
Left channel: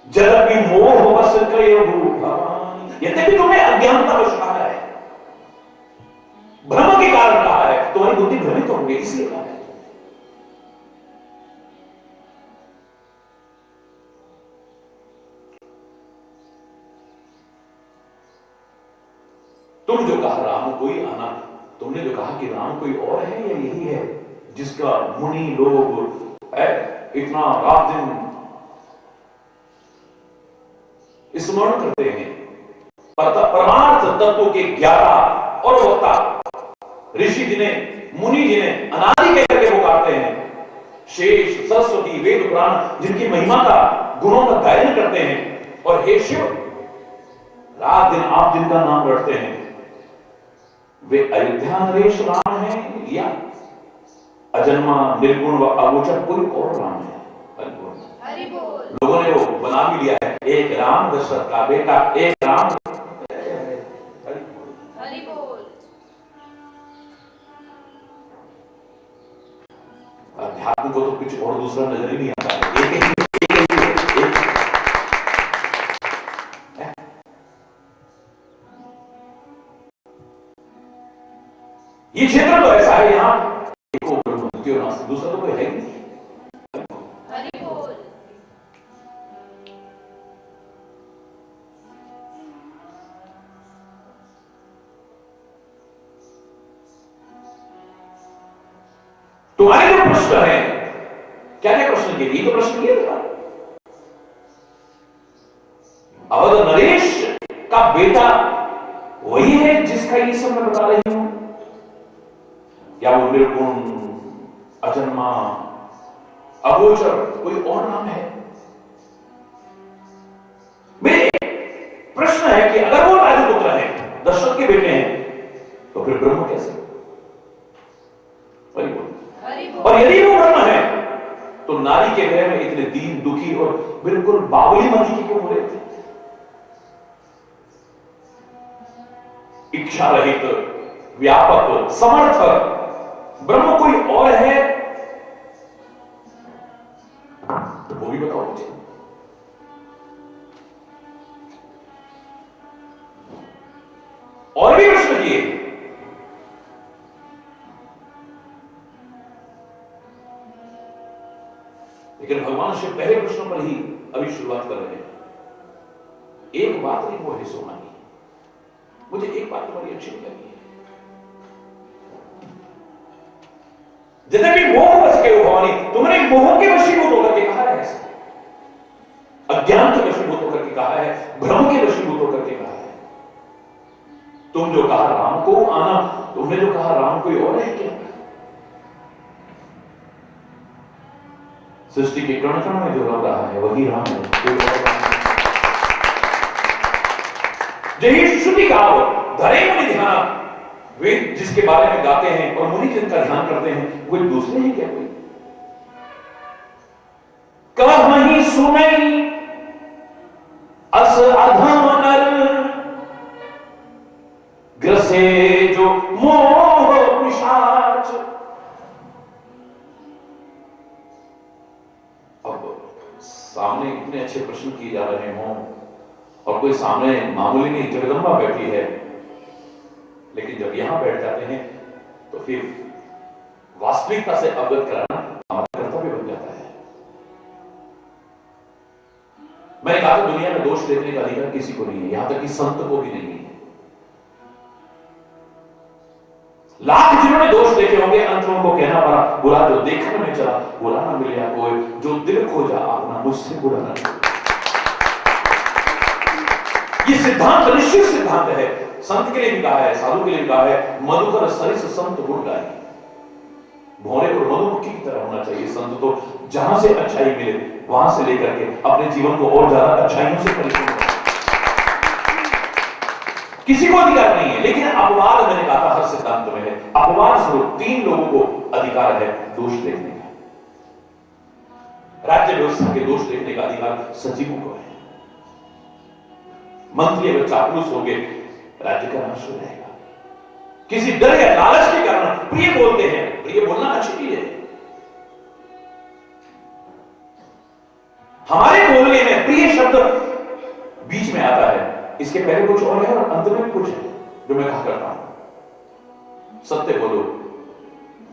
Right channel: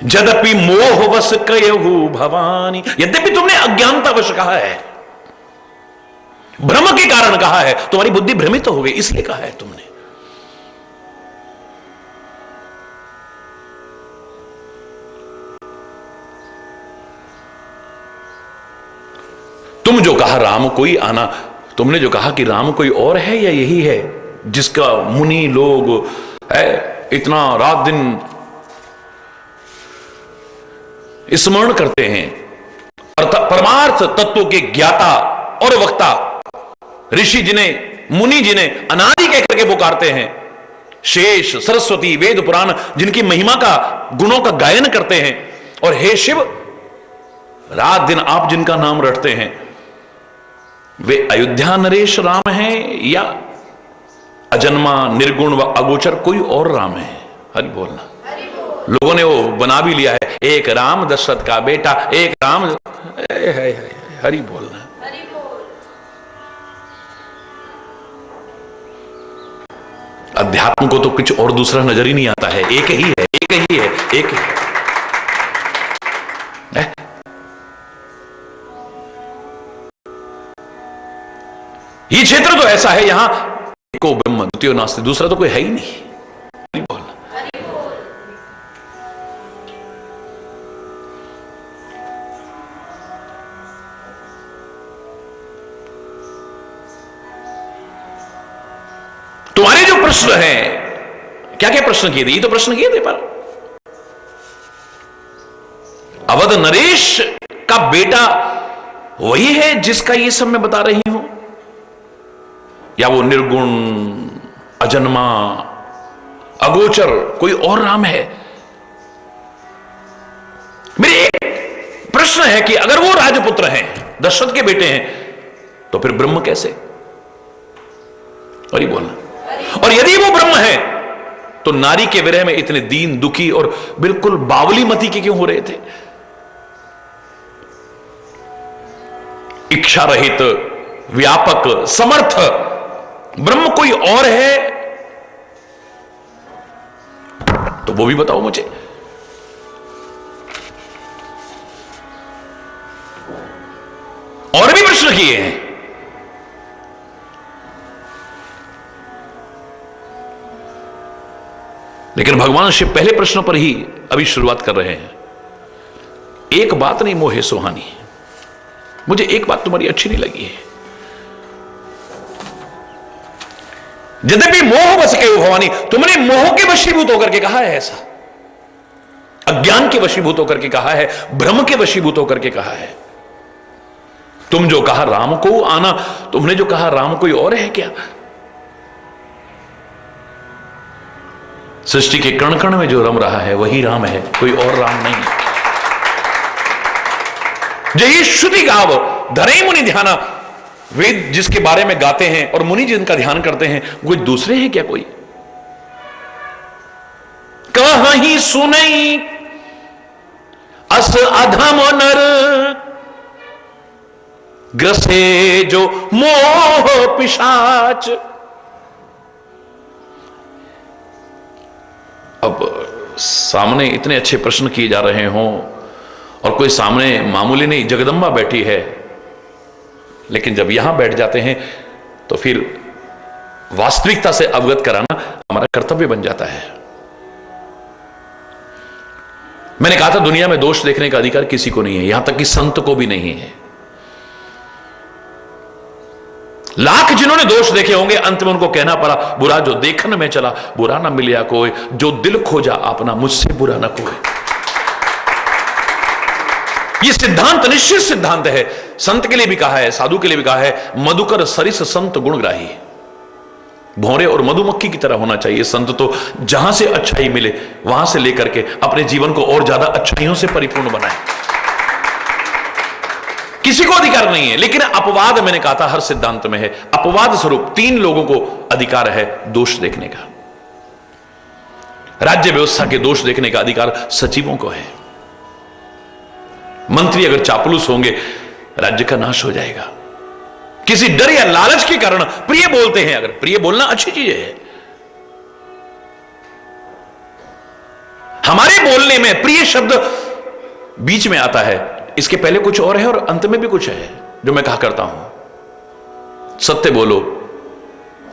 यद्यपि मोहवश कयहु भवानी। यद्यपि तुमने अज्ञानतावश कहा है, भ्रम के कारण कहा है, तुम्हारी बुद्धि भ्रमित हो गई इसलिए कहा है तुमने। तुम जो कहा राम कोई आना, तुमने जो कहा कि राम कोई और है या यही है जिसका मुनि लोग है इतना रात दिन स्मरण करते हैं, परमार्थ तत्व के ज्ञाता और वक्ता ऋषि जिन्हें मुनि जिन्हें अनादि कह करके पुकारते हैं, शेष सरस्वती वेद पुराण जिनकी महिमा का गुणों का गायन करते हैं, और हे शिव रात दिन आप जिनका नाम रटते हैं, वे अयोध्या नरेश राम हैं या अजन्मा निर्गुण व अगोचर कोई और राम है? हरि बोलना। लोगों ने वो बना भी लिया है, एक राम दशरथ का बेटा, एक राम, हरि बोलना। अध्यात्म को तो कुछ और दूसरा नजर ही नहीं आता है, एक ही है, एक ही है, एक ही है। ये क्षेत्र तो ऐसा है, यहां एको ब्रह्म द्वितीयो नास्ति, दूसरा तो कोई है ही नहीं। नहीं बोलना। तुम्हारे जो प्रश्न है, क्या क्या प्रश्न किए थे? ये तो प्रश्न किए थे, पर अवध नरेश का बेटा वही है जिसका ये सब मैं बता रही हूं, या वो निर्गुण अजन्मा अगोचर कोई और राम है? मेरे है कि अगर वो राजपुत्र हैं, दशरथ के बेटे हैं, तो फिर ब्रह्म कैसे? और ये बोलना, और यदि वो ब्रह्म है तो नारी के विरह में इतने दीन दुखी और बिल्कुल बावली मती के क्यों हो रहे थे? इच्छा रहित, व्यापक, समर्थ ब्रह्म कोई और है तो वो भी बताओ मुझे। और भी प्रश्न किए हैं, लेकिन भगवान शिव पहले प्रश्न पर ही अभी शुरुआत कर रहे हैं। एक बात नहीं मोहे सुहानी, मुझे एक बात तुम्हारी अच्छी नहीं लगी है। यद्यपि मोह बस के भवानी, तुमने मोह के वशीभूत होकर के कहा है ऐसा, अज्ञान के वशीभूत होकर के कहा है, भ्रम के वशीभूत होकर के कहा है। तुम जो कहा राम को आना, तुमने जो कहा राम कोई और है क्या? सृष्टि के कण कण में जो रम रहा है वही राम है, कोई और राम नहीं। जय श्रुति गाव धरे मुनि ध्याना, वेद जिसके बारे में गाते हैं और मुनि जिनका ध्यान करते हैं, कोई दूसरे हैं क्या? कोई कहीं सुनई अस अधम नर, ग्रसे जो मोह पिशाच। अब सामने इतने अच्छे प्रश्न किए जा रहे हों और कोई सामने मामूली नहीं जगदम्बा बैठी है, लेकिन जब यहां बैठ जाते हैं तो फिर वास्तविकता से अवगत कराना हमारा कर्तव्य बन जाता है। मैंने कहा था दुनिया में दोष देखने का अधिकार किसी को नहीं है, यहां तक कि संत को भी नहीं है। लाख जिन्होंने दोष देखे होंगे, अंत में उनको कहना पड़ा, बुरा जो देखने में चला बुरा ना मिलिया कोई, जो दिल खोजा अपना मुझसे बुरा ना कोई। यह सिद्धांत निश्चित सिद्धांत है, संत के लिए भी कहा है, साधु के लिए भी कहा है, मधुकर सरिस संत गुणग्राही। भौरे और मधुमक्खी की तरह होना चाहिए संत, तो जहां से अच्छाई मिले वहां से लेकर के अपने जीवन को और ज्यादा अच्छाइयों से परिपूर्ण बनाए। किसी को अधिकार नहीं है, लेकिन अपवाद मैंने कहा था हर सिद्धांत में है। अपवाद स्वरूप 3 लोगों को अधिकार है दोष देखने का। राज्य व्यवस्था के दोष देखने का अधिकार सचिवों को है। मंत्री अगर चापलूस होंगे राज्य का नाश हो जाएगा। किसी डर या लालच के कारण प्रिय बोलते हैं, अगर प्रिय बोलना अच्छी चीज है, हमारे बोलने में प्रिय शब्द बीच में आता है, इसके पहले कुछ और है और अंत में भी कुछ है जो मैं कहा करता हूं। सत्य बोलो,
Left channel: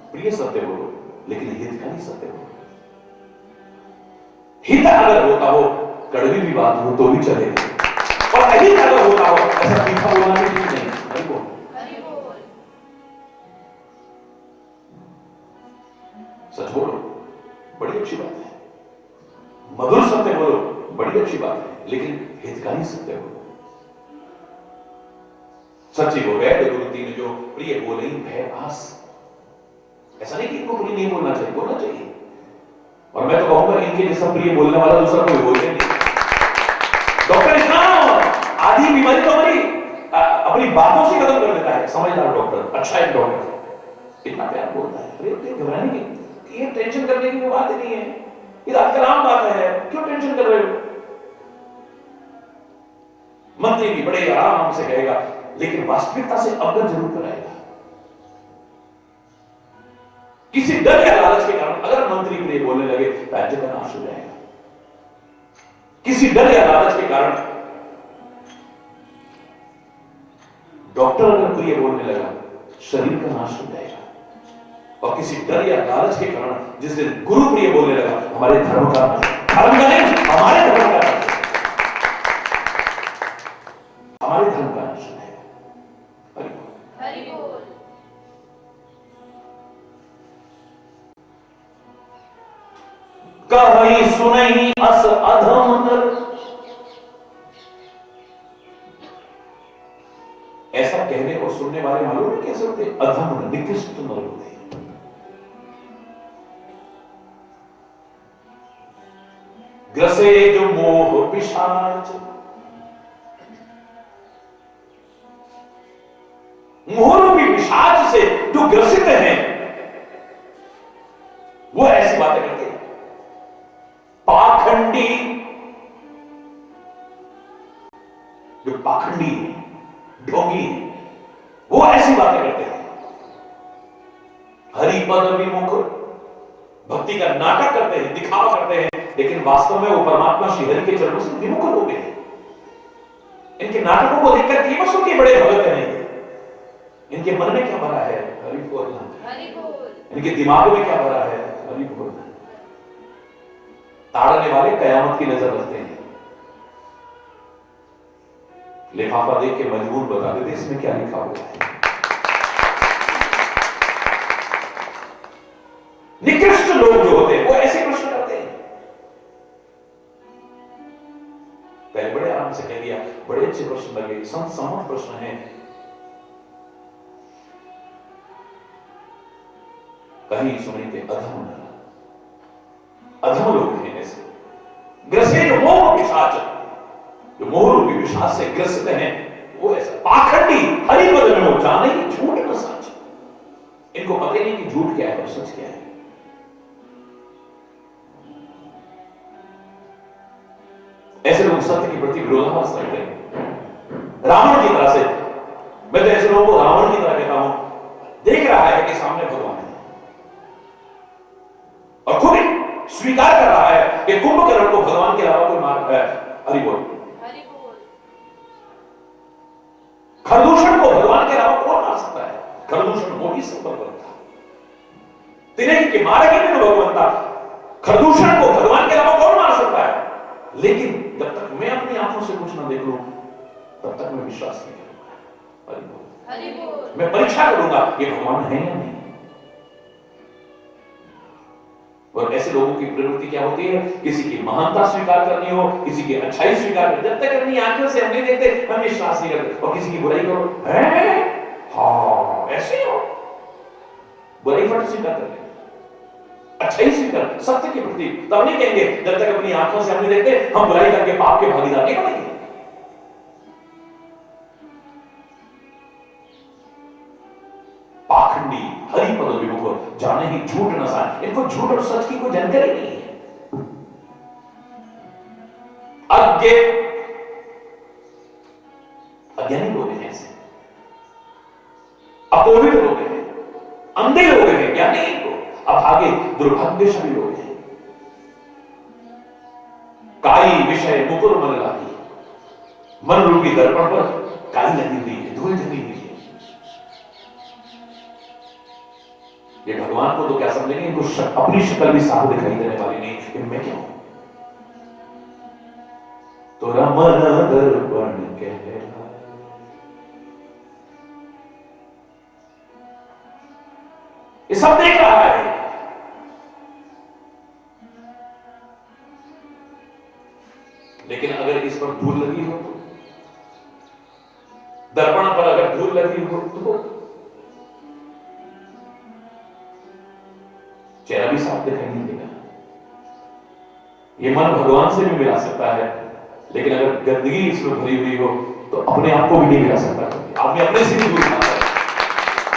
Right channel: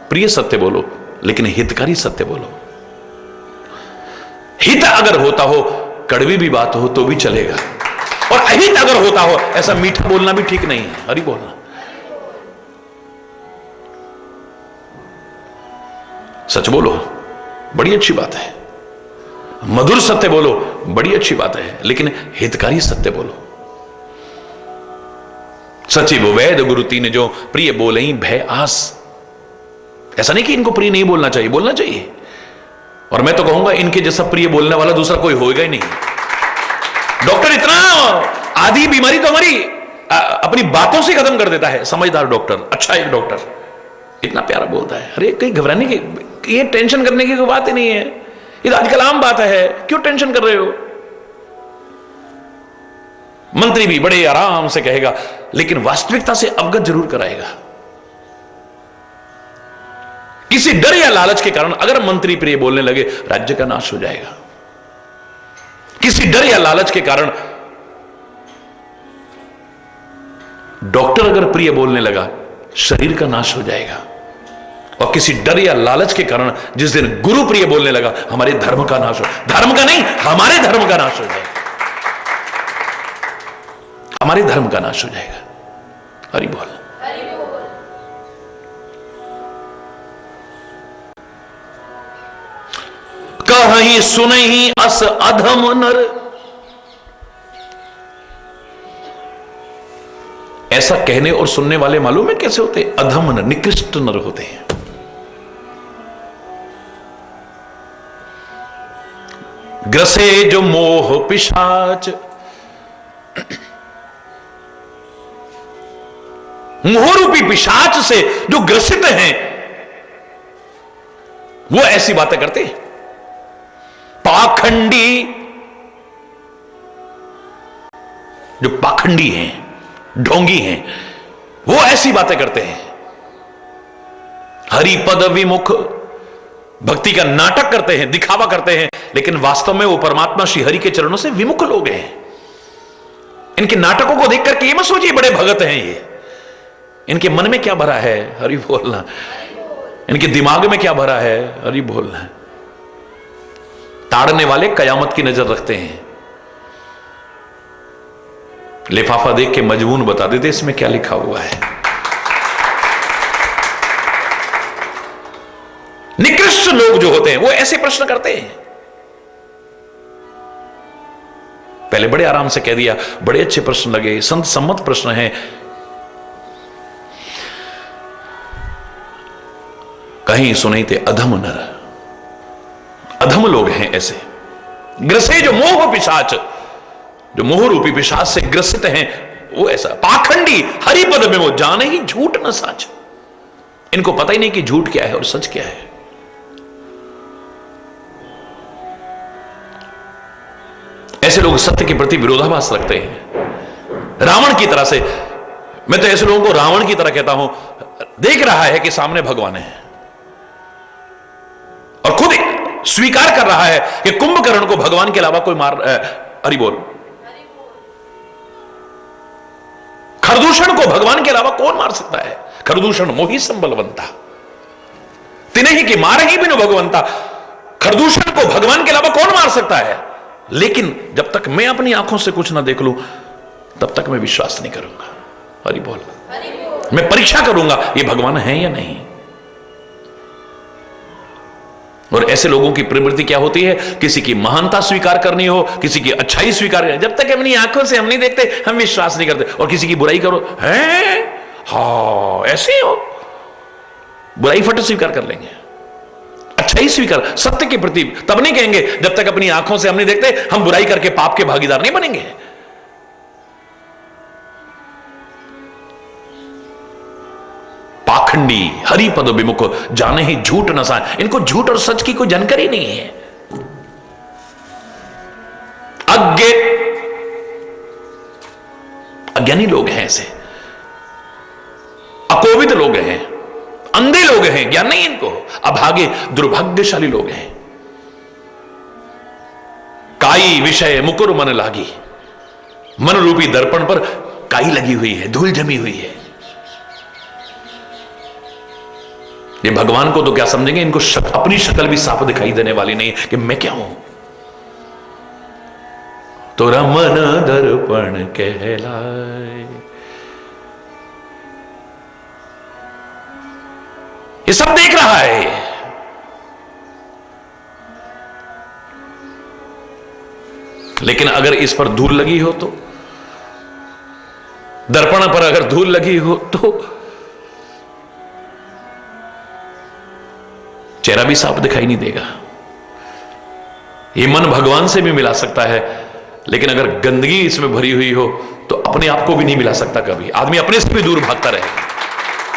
प्रिय सत्य बोलो, लेकिन हितकारी सत्य बोलो। हित अगर होता हो, कड़वी भी बात हो तो भी चलेगा, और अहित अगर होता हो, ऐसा मीठा बोलना भी ठीक नहीं है। हरि बोलना, सच बोलो, बड़ी अच्छी बात है। मधुर सत्य बोलो, बड़ी अच्छी बात है, लेकिन हितकारी सत्य बोलो। सचिव वैद गुरु तीन जो प्रिय बोले भय आस। ऐसा नहीं कि इनको प्रिय नहीं बोलना चाहिए, बोलना चाहिए। और मैं तो कहूंगा इनके जैसा प्रिय बोलने वाला दूसरा कोई होगा ही नहीं। डॉक्टर इतना आधी बीमारी तो हमारी अपनी बातों से खत्म कर देता है। समझदार डॉक्टर, अच्छा एक डॉक्टर इतना प्यारा बोलता है, अरे कहीं घबराने की, ये टेंशन करने की कोई बात ही नहीं है, ये तो आजकल आम बात है, क्यों टेंशन कर रहे हो। मंत्री भी बड़े आराम से कहेगा, लेकिन वास्तविकता से अवगत जरूर कराएगा। किसी डर या लालच के कारण अगर मंत्री प्रिय बोलने लगे, राज्य का नाश हो जाएगा। किसी डर या लालच के कारण डॉक्टर अगर प्रिय बोलने लगा, शरीर का नाश हो जाएगा। और किसी डर या लालच के कारण जिस दिन गुरु प्रिय बोलने लगा, हमारे धर्म का नाश हो, धर्म का नहीं, हमारे धर्म का नाश हो जाएगा, हमारे धर्म का नाश हो जाएगा। हरि बोल। कहीं सुनहि अस अधम नर। ऐसा कहने और सुनने वाले मालूम है कैसे होते? अधम नर, निकृष्ट नर होते हैं। ग्रसे जो मोह पिशाच। मोहरूपी पिशाच से जो ग्रसित हैं, वो ऐसी बातें करते हैं। पाखंडी, जो पाखंडी हैं, ढोंगी हैं, वो ऐसी बातें करते हैं। हरिपद विमुख, भक्ति का नाटक करते हैं, दिखावा करते हैं, लेकिन वास्तव में वो परमात्मा श्री हरि के चरणों से विमुख लोग हैं। इनके नाटकों को देख करके ये मत सोचिए बड़े भगत हैं ये। इनके मन में क्या भरा है, हरि बोलना। इनके दिमाग में क्या भरा है, हरि बोलना। ताड़ने वाले कयामत की नजर रखते हैं। लिफाफा देख के मजमून बता देते इसमें क्या लिखा हुआ है। निकृष्ट लोग जो होते हैं वो ऐसे प्रश्न करते हैं। पहले बड़े आराम से कह दिया, बड़े अच्छे प्रश्न लगे, संत सम्मत प्रश्न हैं। कहीं सुने थे अधम नर, अधम लोग हैं ऐसे ग्रसे, जो मोह पिशाच, जो मोह रूपी पिशाच से ग्रसित हैं, वो ऐसा। पाखंडी हरिपद में वो जाने ही झूठ न सच। इनको पता ही नहीं कि झूठ क्या है और सच क्या है। ऐसे लोग सत्य के प्रति विरोधाभास रखते हैं, रावण की तरह से। मैं तो ऐसे लोगों को रावण की तरह कहता हूं। देख रहा है कि सामने भगवान है और खुद स्वीकार कर रहा है कि कुंभकर्ण को भगवान के अलावा कोई मार, हरि बोल, खरदूषण को भगवान के अलावा कौन मार सकता है। खरदूषण मोही संबलवंता, तिन्हें ही कि मार ही बिनु भगवंता। खरदूषण को भगवान के अलावा कौन मार सकता है। लेकिन जब तक मैं अपनी आंखों से कुछ ना देख लूं तब तक मैं विश्वास नहीं करूंगा। हरि बोल। मैं परीक्षा करूंगा ये भगवान है या नहीं। और ऐसे लोगों की प्रवृत्ति क्या होती है, किसी की महानता स्वीकार करनी हो, किसी की अच्छाई स्वीकार करनी, जब तक अपनी आंखों से हम नहीं देखते हम विश्वास नहीं करते। और किसी की बुराई करो, है हाँ ऐसे हो, बुराई फट स्वीकार कर लेंगे, अच्छाई स्वीकार। सत्य के प्रति तब नहीं कहेंगे जब तक अपनी आंखों से हम नहीं देखते। हम बुराई करके पाप के भागीदार नहीं बनेंगे। पाखंडी हरिपद विमुख, जाने ही झूठ न साए। इनको झूठ और सच की कोई जानकारी नहीं है। अज्ञानी लोग हैं ऐसे, अकोविद लोग हैं, अंधे लोग हैं, ज्ञान नहीं इनको, अभागे दुर्भाग्यशाली लोग हैं। काई विषय मुकुर मन लागी, मन रूपी दर्पण पर काई लगी हुई है, धूल जमी हुई है। ये भगवान को तो क्या समझेंगे, इनको अपनी शक्ल भी साफ दिखाई देने वाली नहीं कि मैं क्या हूं। तोरा मन दर्पण कहलाए, ये सब देख रहा है। लेकिन अगर इस पर धूल लगी हो तो, दर्पण पर अगर धूल लगी हो तो चेहरा भी साफ दिखाई नहीं देगा। ये मन भगवान से भी मिला सकता है, लेकिन अगर गंदगी इसमें भरी हुई हो तो अपने आप को भी नहीं मिला सकता। कभी आदमी अपने से भी दूर भागता रहेगा,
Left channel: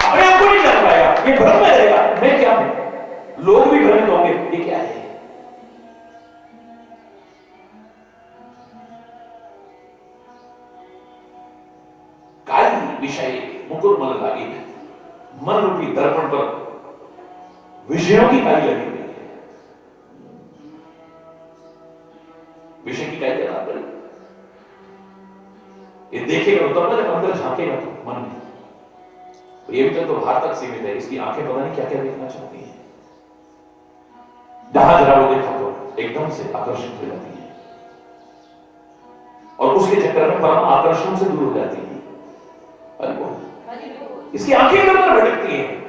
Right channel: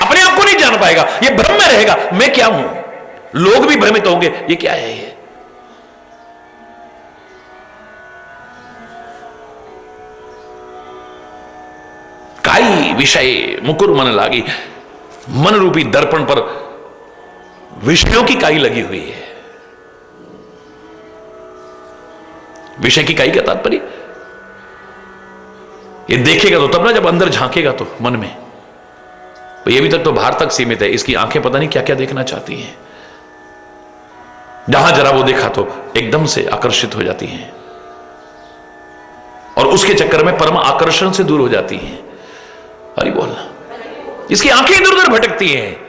अपने आप को नहीं जान पाएगा, ये भ्रम में रहेगा मैं क्या हूं। लोग भी भ्रमित होंगे ये क्या है। ये काई विषय मुकुर मन लागी, मन रूपी दर्पण पर विषयों की काई लगी हुई है। विषय की काई का तात्पर्य, ये देखेगा तो तब ना, जब अंदर झांकेगा तो मन में। तो ये भी तक तो बाहर तक सीमित है, इसकी आंखें पता नहीं क्या क्या देखना चाहती हैं। जहां जरा वो देखा तो एकदम से आकर्षित हो जाती हैं और उसके चक्कर में परम आकर्षण से दूर हो जाती हैं। हरि बोलना। इसकी आंखें इधर उधर भटकती हैं,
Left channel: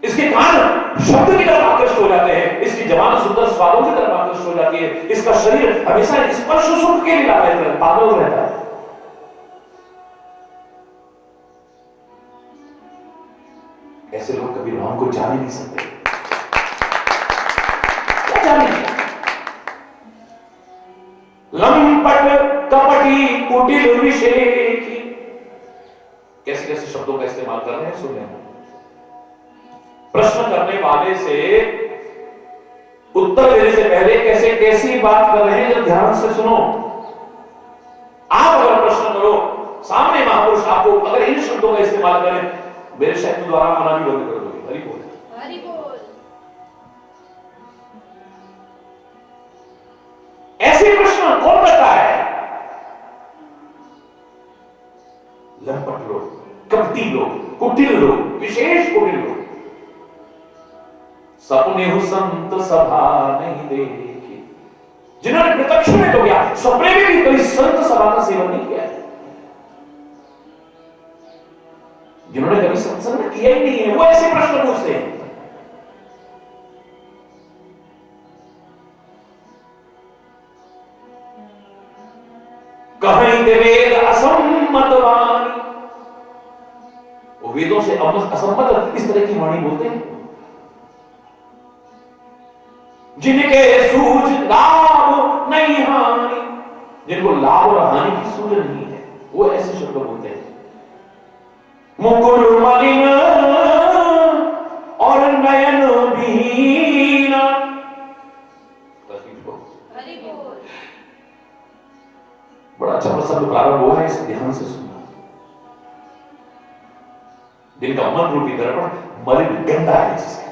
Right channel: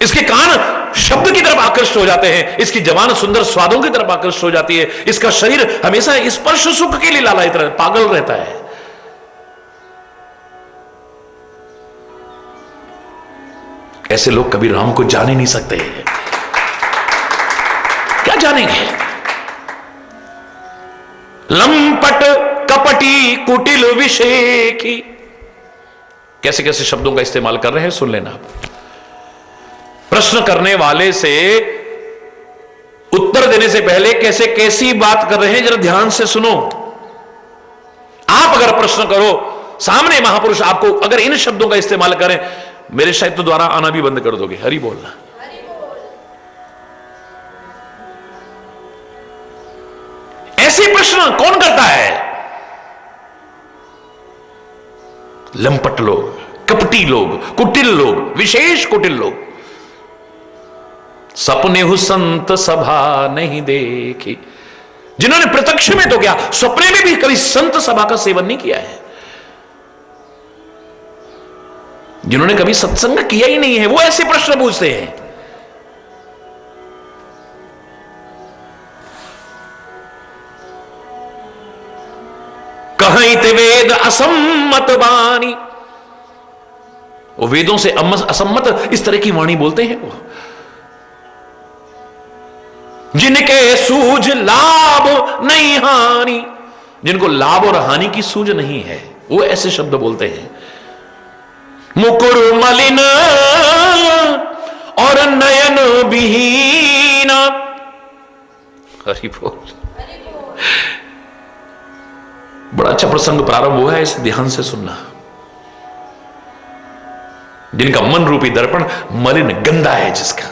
इसके कान शब्द की तरफ आकर्षित हो जाते हैं, इसकी जबान सुंदर स्वादों की तरफ आकर्षित हो जाती है, इसका शरीर हमेशा स्पर्श सुख के लिए लालायित रहता, पागल रहता है। ऐसे लोग कभी राम को जान ही नहीं सकते। क्या जानेंगे। लंपट कपटी कुटिल विषेखी, कैसे कैसे शब्दों का इस्तेमाल कर रहे हैं, सुन लेना आप। प्रश्न करने वाले से उत्तर देने से पहले कैसे कैसी बात कर रहे हैं जरा ध्यान से सुनो। आप अगर प्रश्न करो, सामने महापुरुष आपको अगर इन शब्दों का इस्तेमाल करें, मेरे शब्द द्वारा आना भी बंद कर दोगे। हरि बोलना। ऐसे प्रश्न कौन करता है? लंपट लोग, कपटी लोग, कुटिल लोग, विशेष कुटिल लोग। सपने हु संत सभा नहीं देखी, जिन्होंने प्रत्यक्ष में तो क्या, सपने में भी कभी संत सभा का सेवन नहीं किया है, जिन्होंने कभी सत्संग किया ही नहीं है, वो ऐसे प्रश्न पूछते हैं। कहित वेद असम्मत वाणी, वो वेदों से असम्मत इस तरह की वाणी बोलते हैं वो। जिनके सूझ लाभ नहीं हानि, जिनको लाभ और हानि की सूझ नहीं है, वो ऐसे शब्द बोलते हैं। मुकुर मलिन और नयन विहीन। हरि बोल। बड़ा अच्छा प्रसंग प्रारंभ हुआ है, इसे ध्यान से सुनना। जिनका मन रूपी दर्पण मलिन गंदा है, जिसका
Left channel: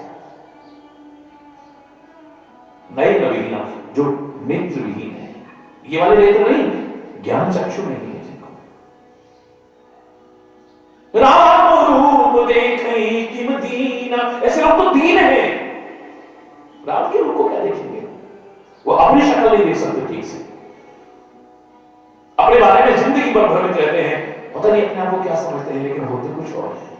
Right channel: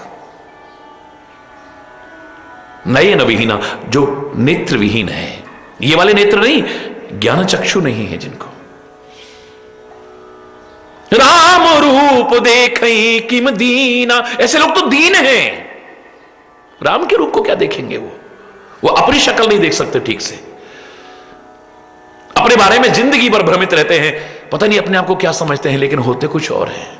नयन विहीना, जो नेत्र विहीन है, ये वाले नेत्र नहीं, ज्ञान चक्षु नहीं है जिनको। राम रूप देखई किम दीना, ऐसे लोग तो दीन हैं। राम के रूप को क्या देखेंगे? वो अपनी शक्ल नहीं देख सकते ठीक से, अपने बारे में जिंदगी भर भ्रमित रहते हैं, पता नहीं अपने आप को क्या समझते हैं, लेकिन होते कुछ और हैं।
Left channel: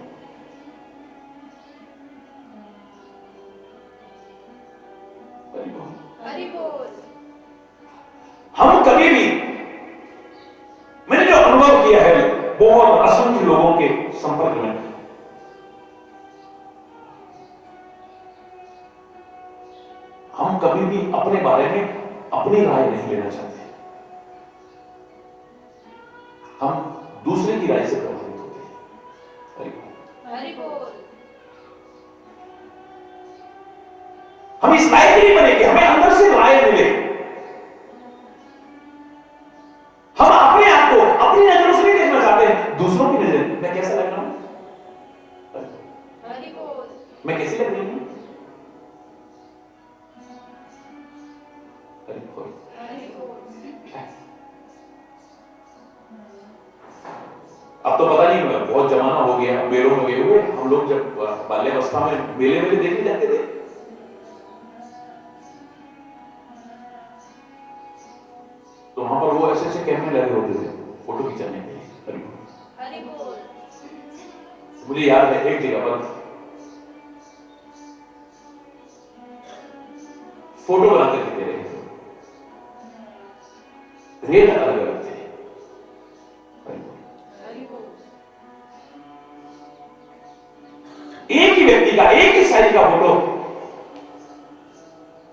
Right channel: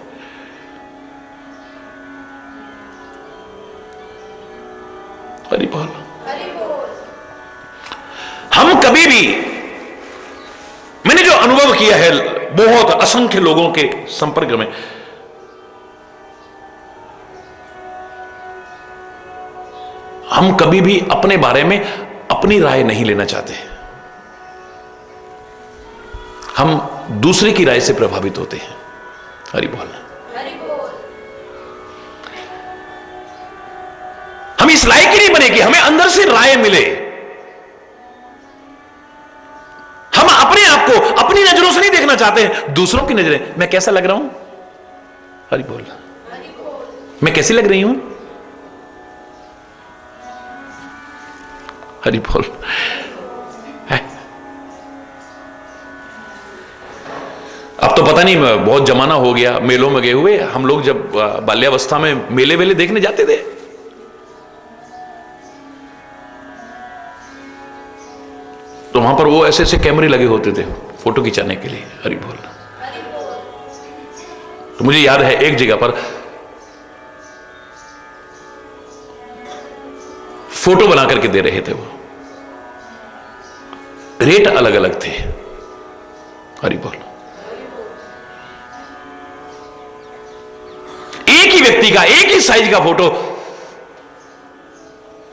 हरि बोल। हम कभी भी, मैंने जो अनुभव किया है बहुत असंख्य लोगों के संपर्क में, हम कभी भी अपने बारे में अपनी राय नहीं लेना चाहते। हम दूसरे की राय से प्रभावित होते हैं। हरि बोल। हम इस लायक ही नहीं बने कि हमें अंदर से राय मिले। हम अपने आप को अपनी नजरों से नहीं देखना चाहते हैं, दूसरों की नजरें। मैं कैसा लग रहा हूं? हरि बोल। मैं कैसी लग रही हूं? हरि बोल। अब तो पता नहीं, बहुत जमाना हो गया मेलों में गए हुए। हम लोग जब बाल्यावस्था में मेले वेले देखने जाते थे, तो वहां पर वो ऐसे ऐसे कैमरे लगे होते थे फोटो खिंचाने के लिए। हरि बोल। तो मुझे याद है एक जगह पर फोटो बना करके दे रहे थे वो, रेट अलग अलग थे। हरि बोल। एक ही व्यक्ति का, एक ही साइज का फोटो,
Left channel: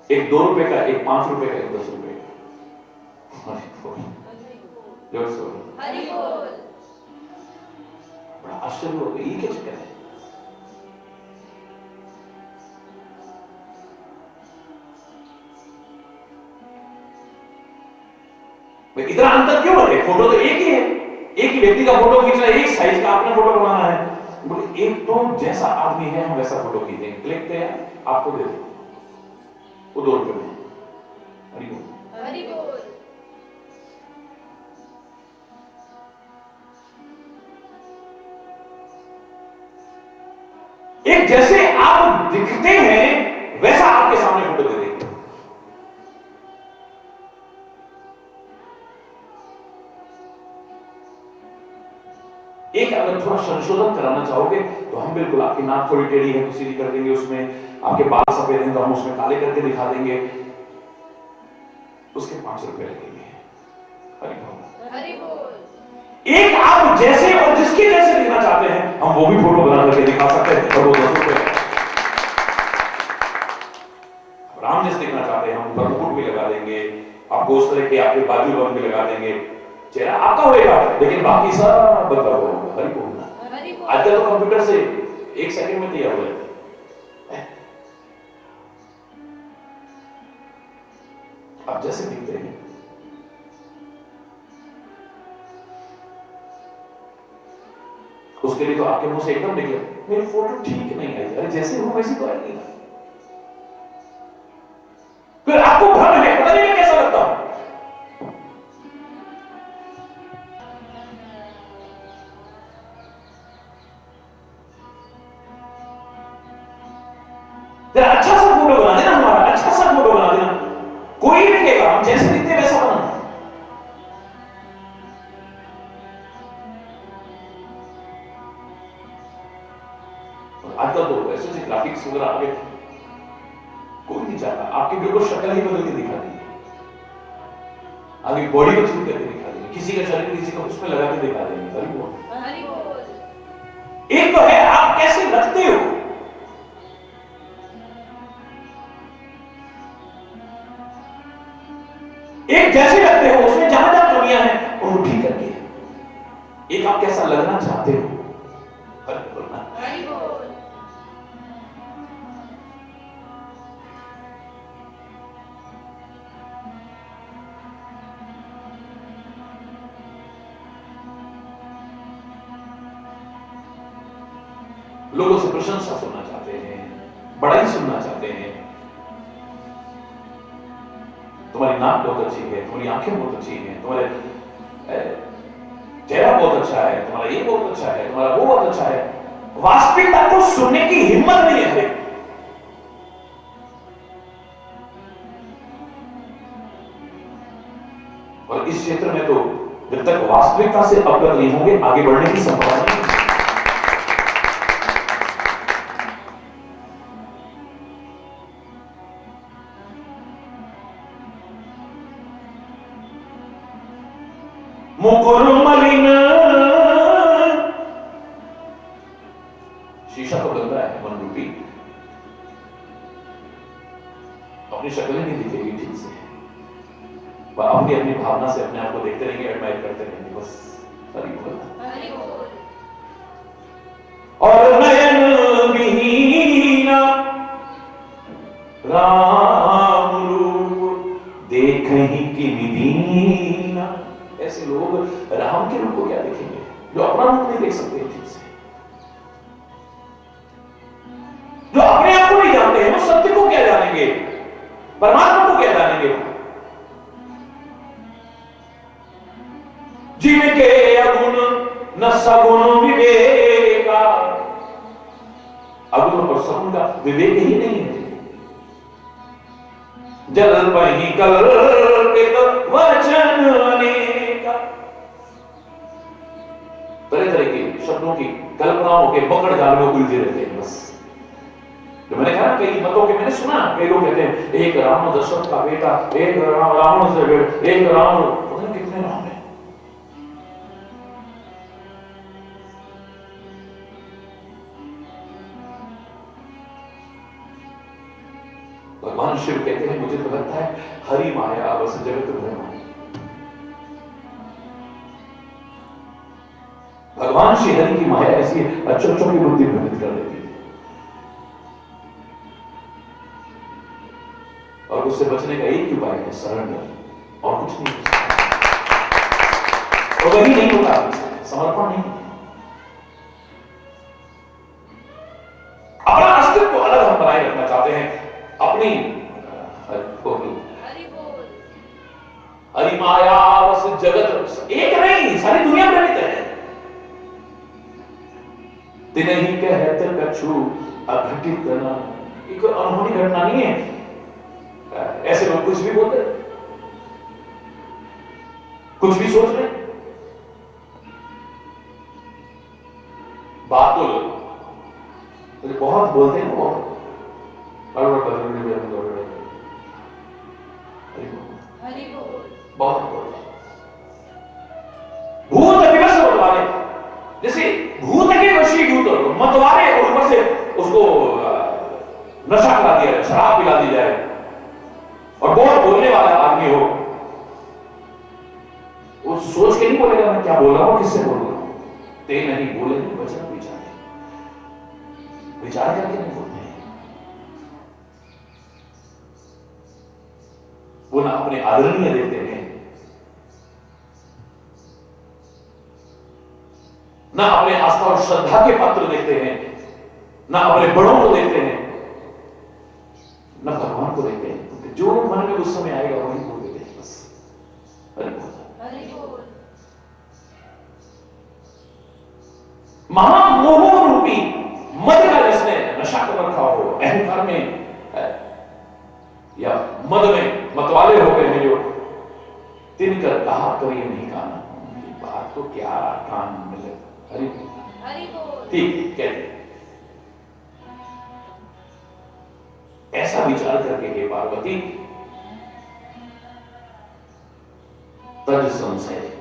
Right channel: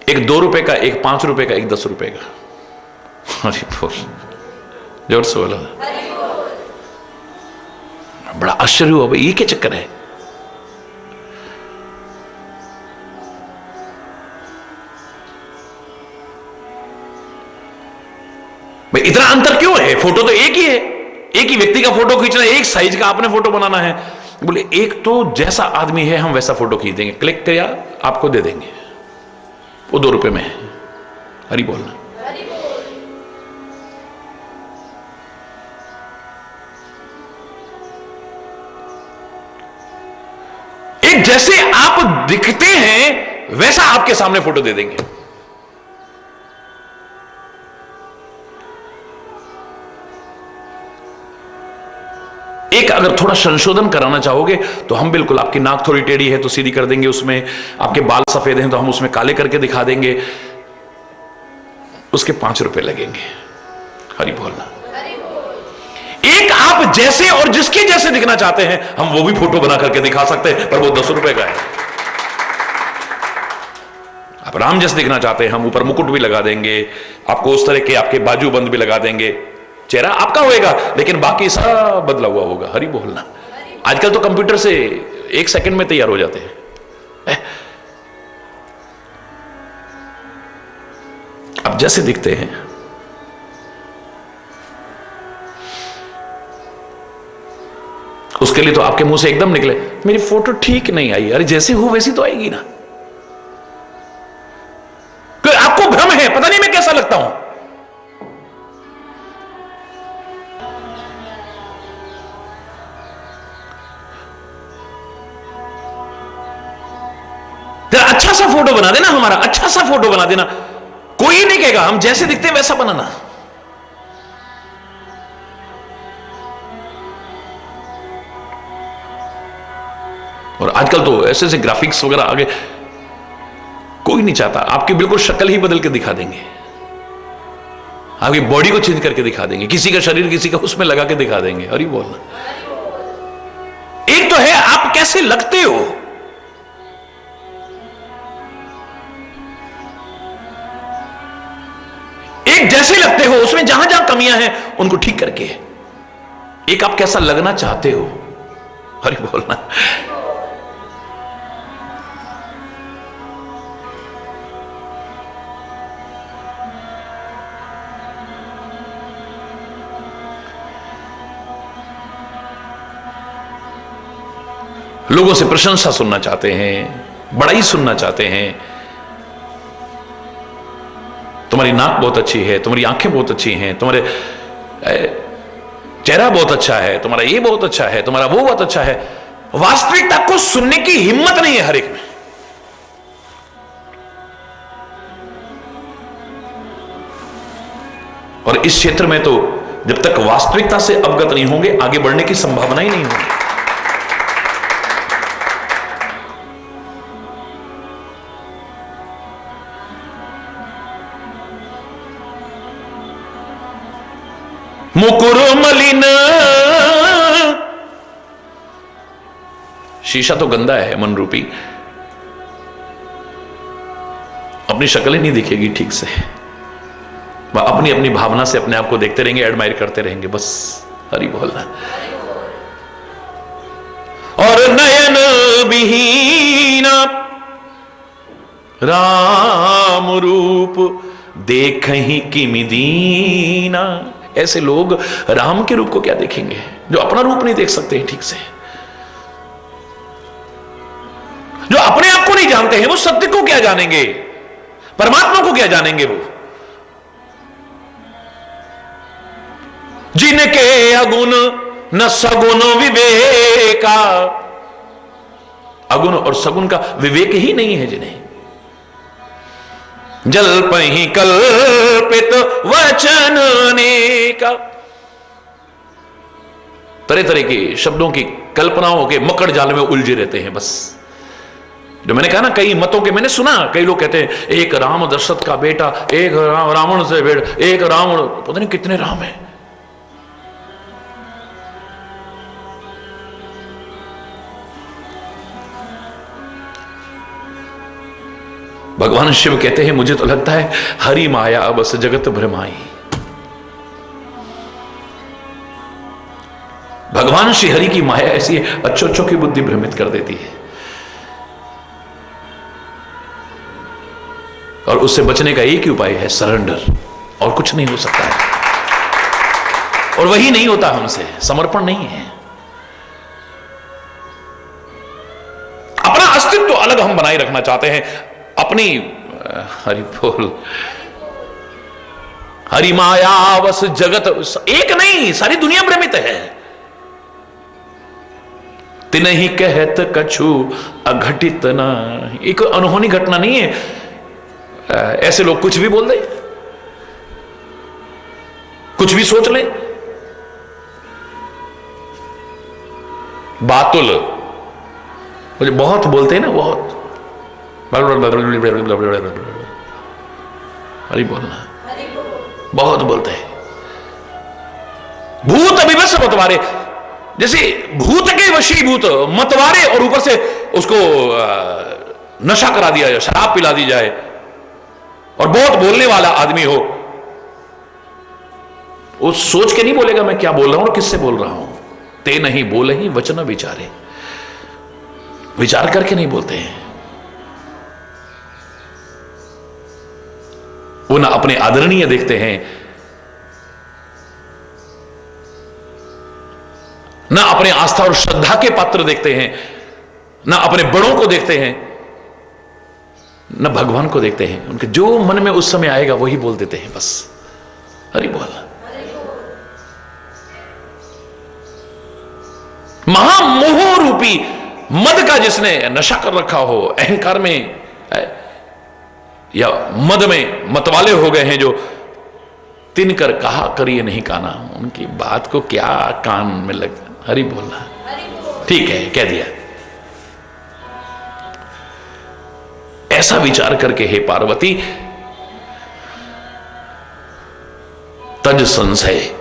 एक 2 रुपए का, एक 5 रुपए का, एक 10 रुपए का। हरि बोल। जोर से बोलो। बड़ा आश्चर्य हुआ भाई, ये क्या चक्कर है? भाई इतना अंतर क्यों है? फोटो तो एक ही है, एक ही व्यक्ति का फोटो खींचना है, एक साइज का आपने फोटो बनाना है। बोले एक तो जैसा आदमी है हम वैसा फोटो खींच देंगे, क्लिक किया आपको दे देंगे, वो 2 रुपए में है। हरि बोलना। एक जैसे आप दिखते हैं वैसा आपके सामने फोटो दे देंगे। एक अगर थोड़ा संशोधन कराना चाहोगे तो हम बिल्कुल, आपकी नाक थोड़ी टेढ़ी है तो सीधी कर देंगे उसमें, आपके बाल सफेद हैं तो हम उसमें काले करके दिखा देंगे, उसके 5 रुपए लगेंगे। हरि बोलना। एक आप जैसे और जिसके जैसे दिखना चाहते हैं हम वो भी फोटो बना करके दिखा सकते हैं, पर वो 10 रुपए का है। आप राम जैसे दिखना चाहते हैं हम ऊपर मुकुट भी लगा देंगे, आपको उस तरह के आपके बाजू बंद भी लगा देंगे, चेहरा आपका होएगा लेकिन बाकी सब बदला हुआ होगा। हरि बोलना। आजकल तो कंप्यूटर से 1 सेकंड में तैयार हो जाते हैं। अब जैसे दिखते हैं, उसके लिए तो आपके मुंह से एकदम निकले मेरी फोटो ठीक नहीं आई। अरे जैसे हो वैसी तो आएगी ना। क्योंकि आपको भ्रम है, पता नहीं मैं कैसा लगता हूं। तेरा अच्छा सा फोटो बना देना, हमारा अच्छा सा फोटो बना देना, कोई नहीं कहेगा, हम जैसे दिखते हैं वैसा बनाना। और आजकल तो ऐसे ऐसे ग्राफिक्स वगैरह आगे, कोई नहीं चाहता। आपकी बिल्कुल शक्ल ही बदल के दिखा देंगे, आपकी बॉडी को चेंज करके दिखा देंगे, किसी का शरीर किसी का उसमें लगा के दिखा देंगे। अरे बोल, एक तो है आप कैसे लगते हो, एक जैसे लगते हो उसमें जहां जहां कमियां हैं उनको ठीक करके, एक आप कैसा लगना चाहते हो। अरे बोलना, लोगों से प्रशंसा सुनना चाहते हैं, बड़ाई सुनना चाहते हैं। तुम्हारी नाक बहुत अच्छी है, तुम्हारी आंखें बहुत अच्छी हैं, तुम्हारे चेहरा बहुत अच्छा है, तुम्हारा ये बहुत अच्छा है, तुम्हारा वो बहुत अच्छा है। वास्तविकता को सुनने की हिम्मत नहीं है हर एक में। और इस क्षेत्र में तो जब तक वास्तविकता से अवगत नहीं होंगे आगे बढ़ने की संभावना ही नहीं होगी। मुकुर मलिन, शीशा तो गंदा है मन रूपी, अपनी शक्ल ही नहीं दिखेगी ठीक से। वह अपनी अपनी भावना से अपने आप को देखते रहेंगे, एडमायर करते रहेंगे, बस हरि बोलना। और नयन विहीना राम रूप देख ही किमि दीना। ऐसे लोग राम के रूप को क्या देखेंगे जो अपना रूप नहीं देख सकते ठीक से, जो अपने आप को नहीं जानते हैं। वो सत्य को क्या जानेंगे, परमात्मा को क्या जानेंगे। वो जिनके अगुण न सगुण विवेका, अगुण और सगुण का विवेक ही नहीं है जिन्हें। जल्पहि कल्पित वचन अनेका, तरह तरह के शब्दों की कल्पनाओं के मकड़ जाल में उलझे रहते हैं। बस जो मैंने कहा ना, कई मतों के मैंने सुना, कई लोग कहते हैं एक राम दशरथ का बेटा, एक रावण से बेटा, एक रावण, पता नहीं कितने राम हैं। भगवान शिव कहते हैं मुझे तो लगता है हरि माया बस जगत भ्रमाई। भगवान श्री हरि की माया ऐसी अच्छों की बुद्धि भ्रमित कर देती है, और उससे बचने का एक ही उपाय है सरेंडर, और कुछ नहीं हो सकता है। और वही नहीं होता हमसे, समर्पण नहीं है। अपना अस्तित्व अलग हम बनाए रखना चाहते हैं, अपनी हरि बोल, हरि माया बस जगत, एक नहीं सारी दुनिया भ्रमित है। तिन ही कहत कछु अघटित ना, एक अनहोनी घटना नहीं है। ऐसे लोग कुछ भी बोल दे, कुछ भी सोच ले। बातुल मुझे बहुत बोलते हैं ना, बहुत हरि बोलना, बहुत बोलते हैं। भूत अभिवश मतवारे, जैसे भूत के वशीभूत मतवारे, और ऊपर से उसको नशा करा दिया जाए, शराब पिला दी जाए, और बहुत बोलने वाला आदमी हो, वो सोच के नहीं बोलेगा मैं क्या बोल रहा हूं और किससे बोल रहा हूं। ते नहीं बोले ही वचन विचारे। विचार करके नहीं बोलते हैं। वो ना अपने आदरणीय देखते हैं, ना अपने आस्था और श्रद्धा के पात्र देखते हैं, ना अपने बड़ों को देखते हैं, न भगवान को देखते हैं। उनके जो मन में उस समय आएगा वही बोल देते हैं बस। हरि बोल। महामोह रूपी मद का जिसने नशा कर रखा हो, अहंकार में या मद में मतवाले हो गए हैं, जो तिनकर कहा करिए नहीं काना, उनकी बात को क्या कान में लग। हरि बोलना ठीक है, कह दिया। ऐसा विचार करके हे पार्वती, तज संशय,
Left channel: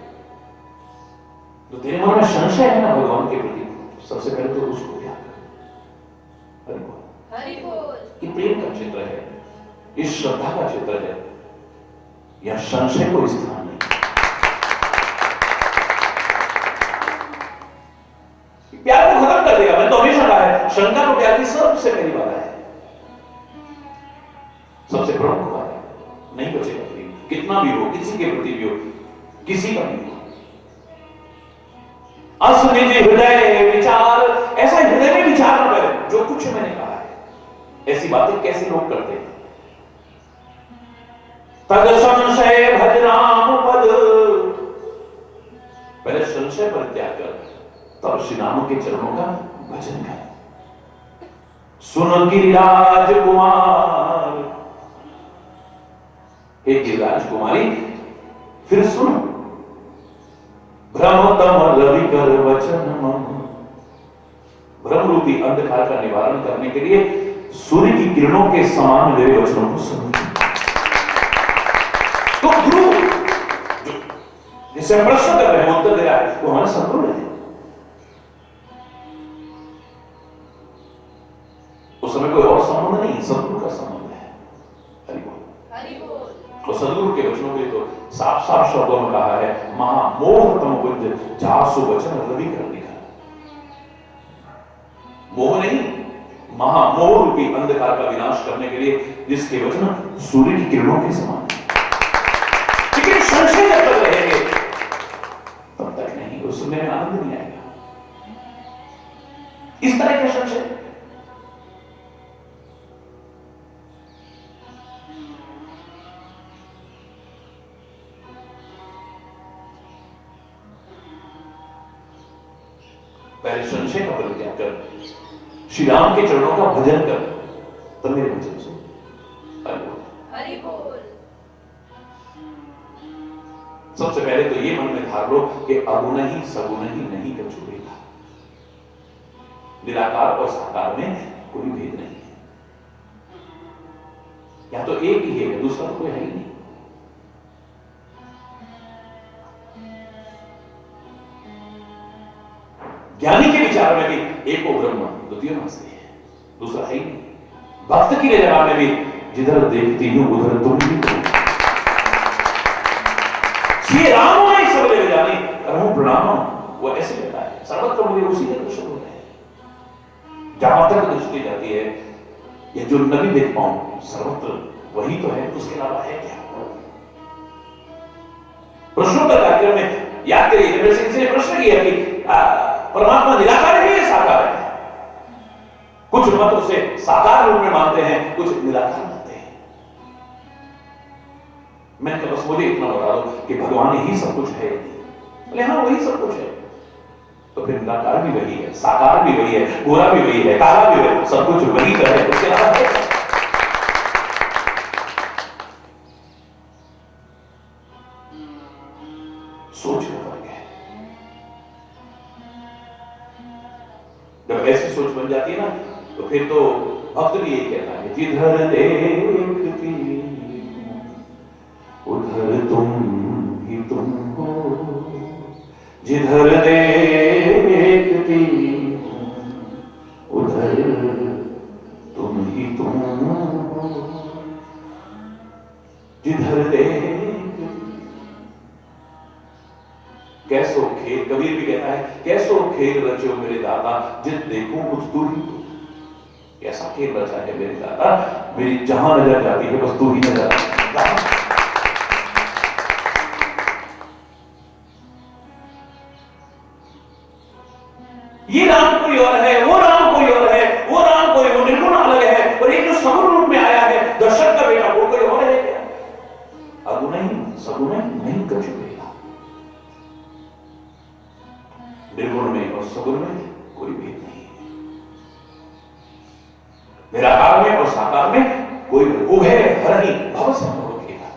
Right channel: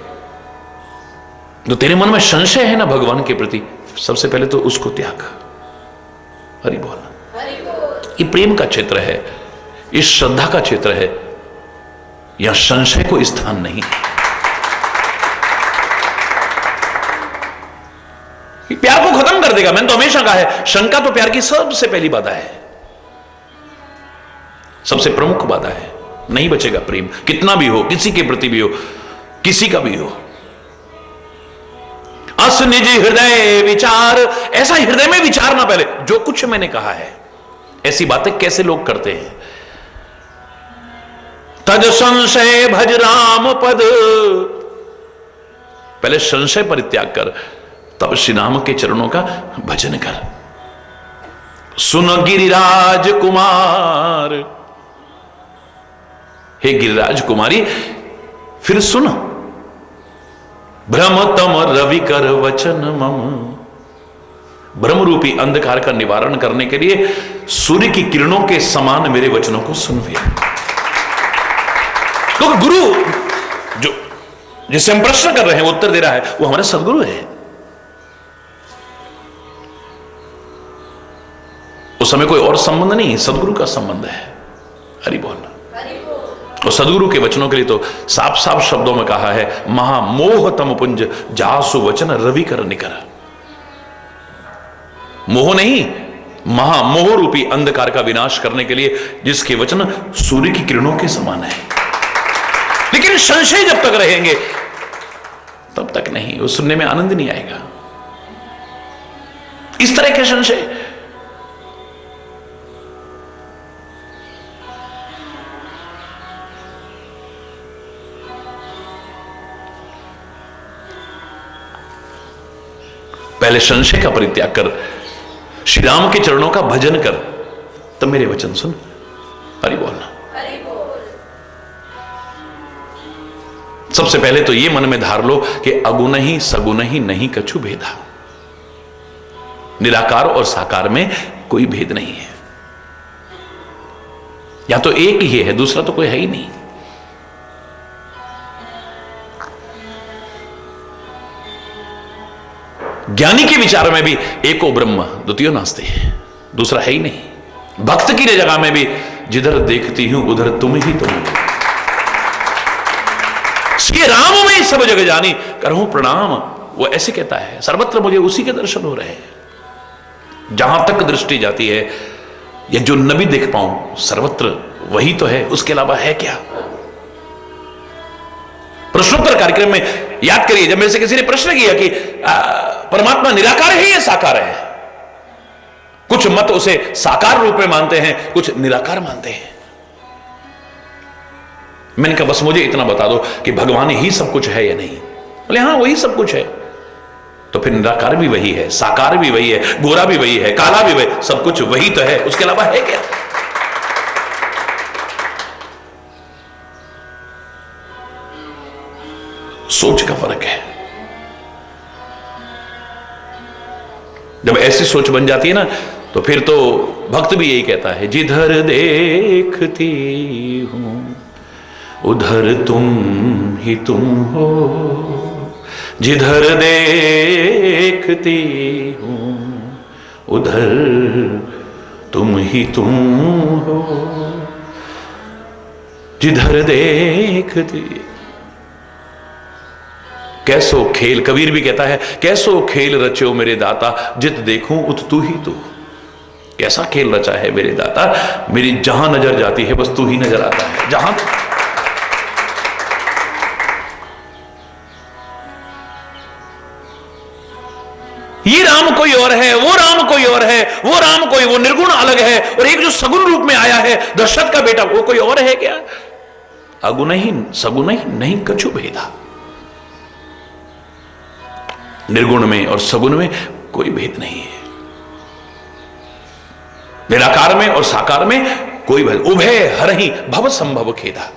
जो तेरे मन में संशय है ना भगवान के प्रति, सबसे पहले तो उसको त्याग। हरि बोल। ये प्रेम का क्षेत्र है, इस श्रद्धा का क्षेत्र है, यहां संशय को स्थान नहीं। ये प्यार को खत्म कर देगा। मैंने तो हमेशा कहा है, शंका तो प्यार की सबसे पहली बाधा है, सबसे प्रमुख बाधा है। नहीं बचेगा प्रेम, कितना भी हो, किसी के प्रति भी हो, किसी का भी हो। अस निज हृदय विचार, ऐसा हृदय में विचारना पहले, जो कुछ मैंने कहा है। ऐसी बातें कैसे लोग करते हैं? तद संशय भज राम पद, पहले संशय परित्याग कर, तब श्री राम के चरणों का भजन कर। सुन गिरिराज कुमार, हे गिरिराज कुमारी फिर सुनो। भ्रम तम रवि कर वचन मम, भ्रम रूपी अंधकार का निवारण करने के लिए सूर्य की किरणों के समान मेरे वचनों को सुनवे। तो गुरु जो जिससे हम प्रश्न कर रहे हैं, उत्तर दे रहा है, वो हमारे सदगुरु है। उस समय कोई और संबंध नहीं, सदगुरु का संबंध है। हरि बोल। और सदगुरु के वचनों के लिए तो साफ साफ शब्दों में कहा है, महामोह तम पुंज जासु वचन रवि कर निकर। मोह नहीं, महामोह रूपी अंधकार का विनाश करने के लिए जिसके वचन सूर्य की किरणों के समान है। लेकिन संशय जब तक रहेंगे तब तक नहीं, वो सुनने में आनंद नहीं आएगा। इस तरह के संशय पहले संशय का परित्याग कर, श्री राम के चरणों का भजन कर, तब मेरे वचन सुन। हरि बोलना। सबसे पहले तो ये मन में धार लो कि अगुण ही सगुण ही नहीं कछु भेदा। निराकार और साकार में कोई भेद नहीं है, या तो एक ही है, दूसरा तो कोई है ही नहीं। ज्ञानी के विचार में भी एको ब्रह्म द्वितीय नास्ते है, दूसरा है ही नहीं। भक्त की जगह में भी जिधर देखती हूं उधर तुम ही तुम। श्री राम में सब जगह जानी करहूं प्रणाम, वो ऐसे कहता है, सर्वत्र मुझे उसी के दर्शन हो रहे हैं। जहां तक दृष्टि जाती है, ये जो न भी देख पाऊं, सर्वत्र वही तो है, उसके अलावा है क्या? प्रश्नोत्तर कार्यक्रम में याद करिए, जब मेरे से किसी ने प्रश्न किया कि परमात्मा निराकार है या साकार है, कुछ मत उसे साकार रूप में मानते हैं, कुछ निराकार मानते हैं। मैंने कहा बस मुझे इतना बता दो कि भगवान ही सब कुछ है या नहीं। बोले हाँ वही सब कुछ है। तो फिर निराकार भी वही है, साकार भी वही है, गोरा भी वही है, काला भी वही, सब कुछ वही तो है, उसके अलावा है क्या? सोच का फर्क है। जब ऐसी सोच बन जाती है ना, तो फिर तो भक्त भी यही कहता है, जिधर देखती हूं उधर तुम ही तुम हो, जिधर देखती हूं उधर तुम ही तुम हो, जिधर देखती। कैसो खेल, कबीर भी कहता है, कैसो खेल रचो मेरे दाता, जित देखूं उत तू ही तू। कैसा खेल रचा है मेरे दाता, मेरी जहां नजर जाती है बस तू ही नजर आता है। जहां ये राम कोई और है, वो राम कोई और है, वो राम कोई, वो निर्गुण अलग है, और एक जो सगुण रूप में आया है दशरथ का बेटा, वो कोई और है क्या? अगुणहीन सगुणहीन नहीं कछु भेदा। निर्गुण में और सगुण में कोई भेद नहीं है, निराकार में और साकार में कोई भेद। उभय हरहि भव संभव खेदा।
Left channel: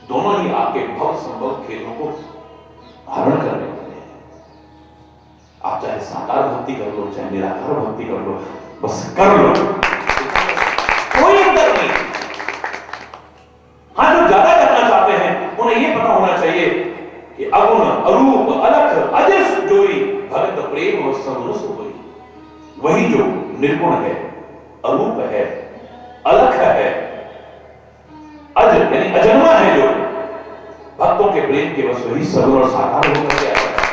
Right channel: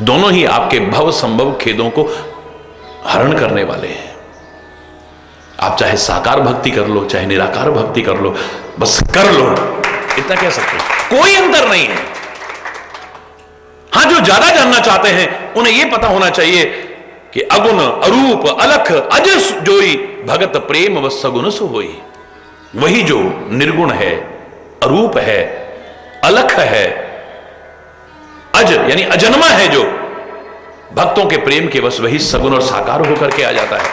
दोनों ही आपके भव संभव खेदों को हरण करने वाले हैं। आप चाहे साकार भक्ति कर लो, चाहे निराकार भक्ति कर लो, बस कर लो, इतना कह सकते हैं, कोई अंतर नहीं है। हां, जो ज्यादा जानना चाहते हैं उन्हें यह पता होना चाहिए कि अगुण अरूप अलख अजस जोई, भगत प्रेम व सगुण सो होई। वही जो निर्गुण है, अरूप है, अलख है, अज यानी अजन्मा है, जो भक्तों के प्रेम के बस वही सगुण और साकार होकर के आ जाता है।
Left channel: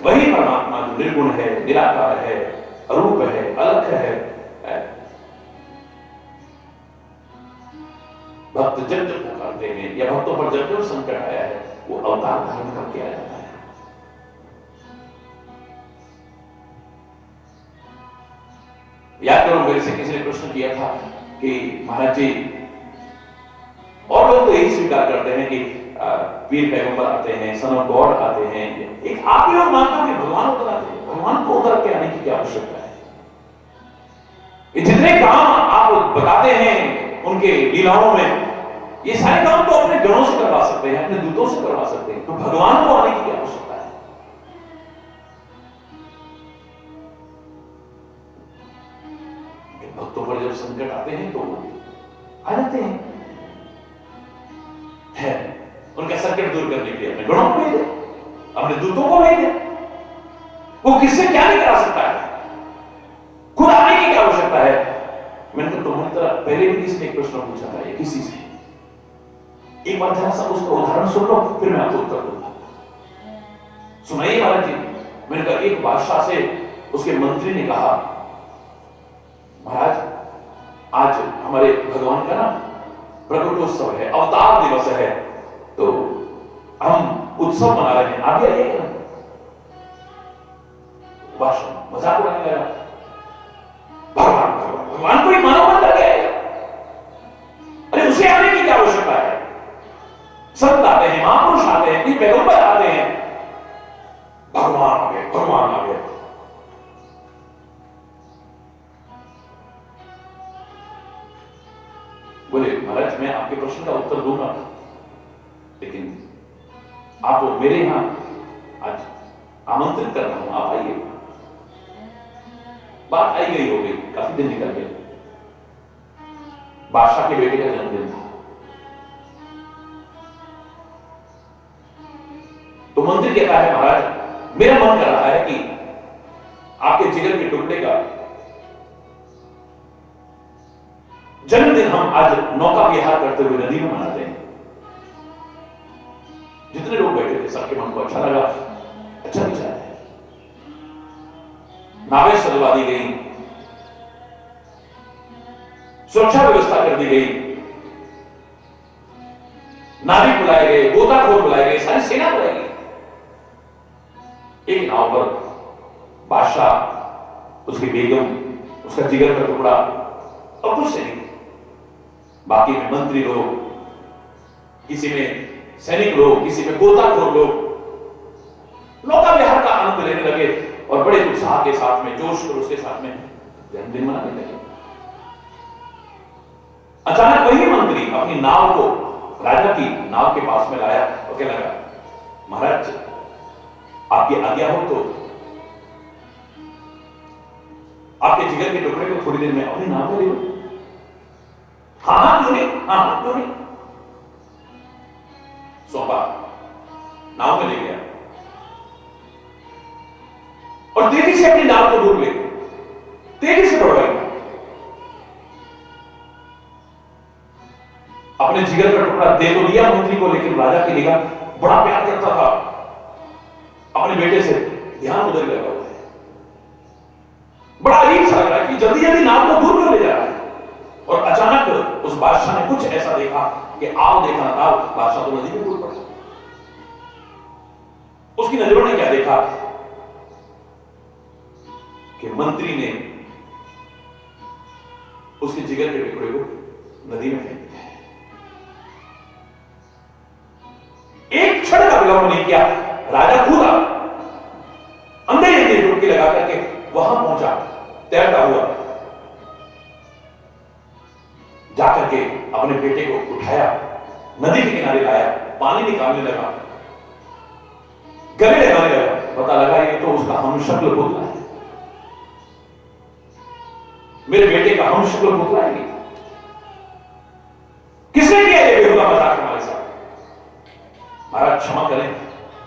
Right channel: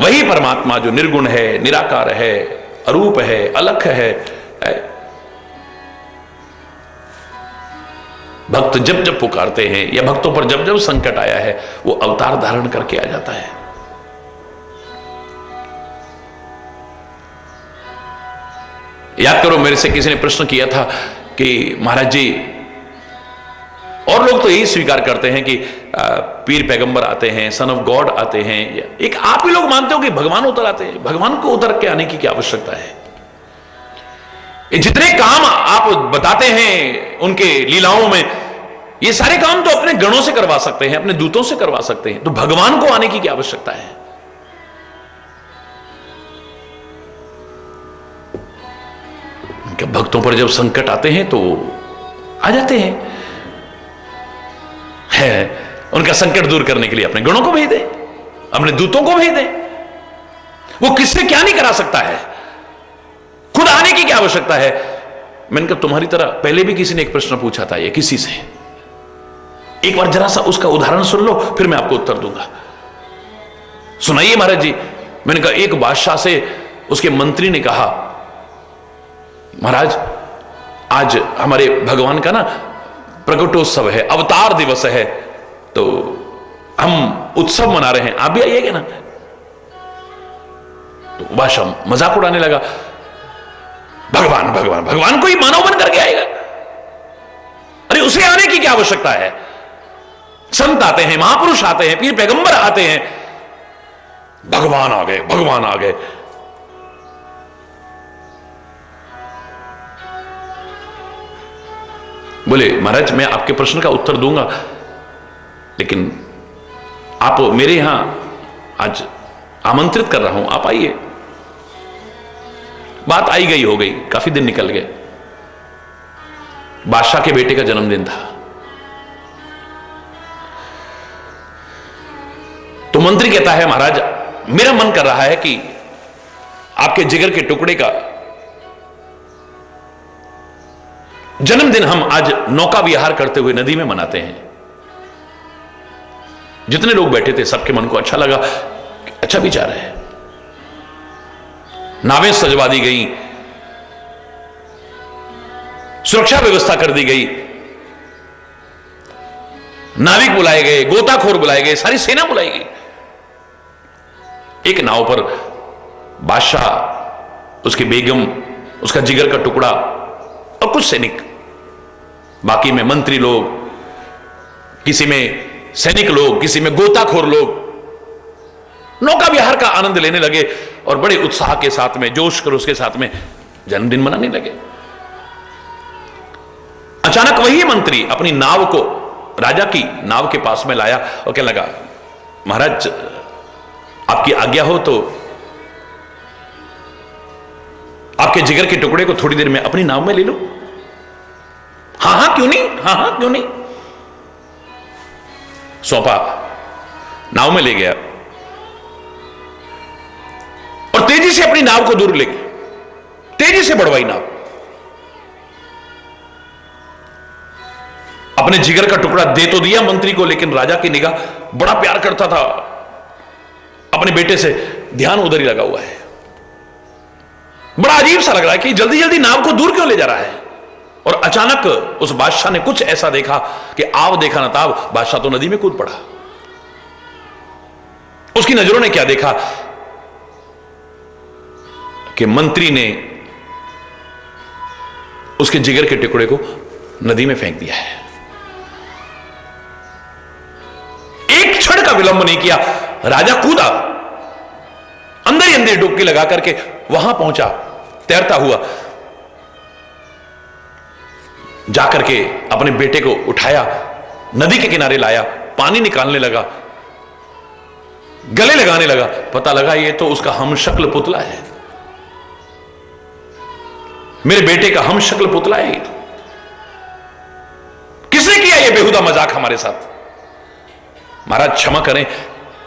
वही परमात्मा जो निर्गुण है, निराकार है, अरूप है, अलख है। भक्त जब जब पुकारते हैं या भक्तों पर जब जब संकट आया है, वो अवतार धारण करके आ जाता है। याद करो, मेरे से किसी ने प्रश्न किया था कि महाराज जी, और लोग तो यही स्वीकार करते हैं कि पीर पैगंबर आते हैं, सन ऑफ गॉड आते हैं, एक आप ही लोग मानते हो कि भगवान उतर आते हैं। भगवान को उतर के आने की क्या आवश्यकता है? ये जितने काम आप बताते हैं उनके लीलाओं में, ये सारे काम तो अपने गणों से करवा सकते हैं, अपने दूतों से करवा सकते हैं, तो भगवान को आने की क्या आवश्यकता है? भक्तों पर जब संकट आते हैं तो आ जाते हैं, उनका संकट दूर करने के लिए अपने गणों को भेज दे, अपने दूतों को भेज दे। वो किससे क्या नहीं करा सकता है, खुद आने की क्या आवश्यकता है? मैंने कहा, तुम्हारी तरह पहले भी किसी ने एक प्रश्न पूछा था, ये किसी से, एक बार जरा सा उसका उदाहरण सुन लो, फिर मैं आपको उत्तर दूंगा। सुनाइए महाराज जी। मैंने कहा, एक बादशाह से उसके मंत्री ने कहा, महाराज आज हमारे भगवान का ना प्रकटोत्सव है, अवतार दिवस है, तो हम उत्सव मना रहे हैं, आप भी आइएगा ना? तो बादशाह मजाक उड़ाने लगा, भगवान भगवान भगवान को ही मानव बन करके आएगा? अरे उसे आने की क्या आवश्यकता है? संत आते हैं, महापुरुष आते हैं, पीर पैगंबर आते हैं, भगवान आ गए, भगवान आ गए। बोले, महाराज मैं आपके प्रश्न का उत्तर दूंगा, लेकिन आप मेरे यहां आज आमंत्रित कर रहा हूं, आप आइए। बात आई गई हो गई, काफी दिन निकल गए। बादशाह के बेटे का जन्मदिन था, तो मंत्री कहता है, महाराज मेरा मन कर रहा है कि आपके जिगर के टुकड़े का जन्मदिन हम आज नौका विहार करते हुए नदी में मनाते हैं। जितने लोग बैठे थे सबके मन को अच्छा लगा, अच्छा विचार है। नावें सजवा दी गई, सुरक्षा व्यवस्था कर दी गई, नाविक बुलाए गए, गोताखोर बुलाए गए, सारी सेना बुलाई गई। एक नाव पर बादशाह, उसकी बेगम, उसका जिगर का टुकड़ा और कुछ सैनिक, बाकी में मंत्री लोग, किसी में सैनिक लोग, किसी में गोताखोर लोग नौका विहार का आनंद लेने लगे और बड़े उत्साह के साथ में, जोश कर उसके साथ में जन्मदिन मनाने लगे। अचानक वही मंत्री अपनी नाव को राजा की नाव के पास में लाया और कहने लगा, महाराज आपकी आज्ञा हो तो आपके जिगर के टुकड़े को थोड़ी देर में अपनी नाव में ले लो। हाँ हाँ क्यों नहीं, हाँ हाँ क्यों नहीं। सौंपा, नाव में ले गया और तेजी से अपनी नाव को दूर ले गया, तेजी से बढ़वाई नाव। अपने जिगर का टुकड़ा दे तो दिया मंत्री को, लेकिन राजा की निगाह, बड़ा प्यार करता था अपने बेटे से, ध्यान उधर ही लगा हुआ है। बड़ा अजीब सा लग रहा है कि जल्दी जल्दी नाव को दूर क्यों ले जा रहा है। और अचानक उस बादशाह ने कुछ ऐसा देखा कि आव देखा ना ताव, बादशाह तो नदी में कूद पड़ा। उसकी नजरों ने क्या देखा कि मंत्री ने उसके जिगर के टुकड़े को नदी में फेंक दिया है। एक क्षण का विलंब नहीं किया, राजा कूदा, अंदर ही अंदर डुबकी लगा करके वहां पहुंचा, तैरता हुआ जाकर के अपने बेटे को उठाया, नदी के किनारे लाया, पानी निकालने लगा, गले लगाने लगा। पता लगा ये तो उसका हमशक्ल पुतला है, मेरे बेटे का हमशक्ल पुतला है। ये तो किसने किया ये बेहुदा मजाक हमारे साथ? महाराज क्षमा करें,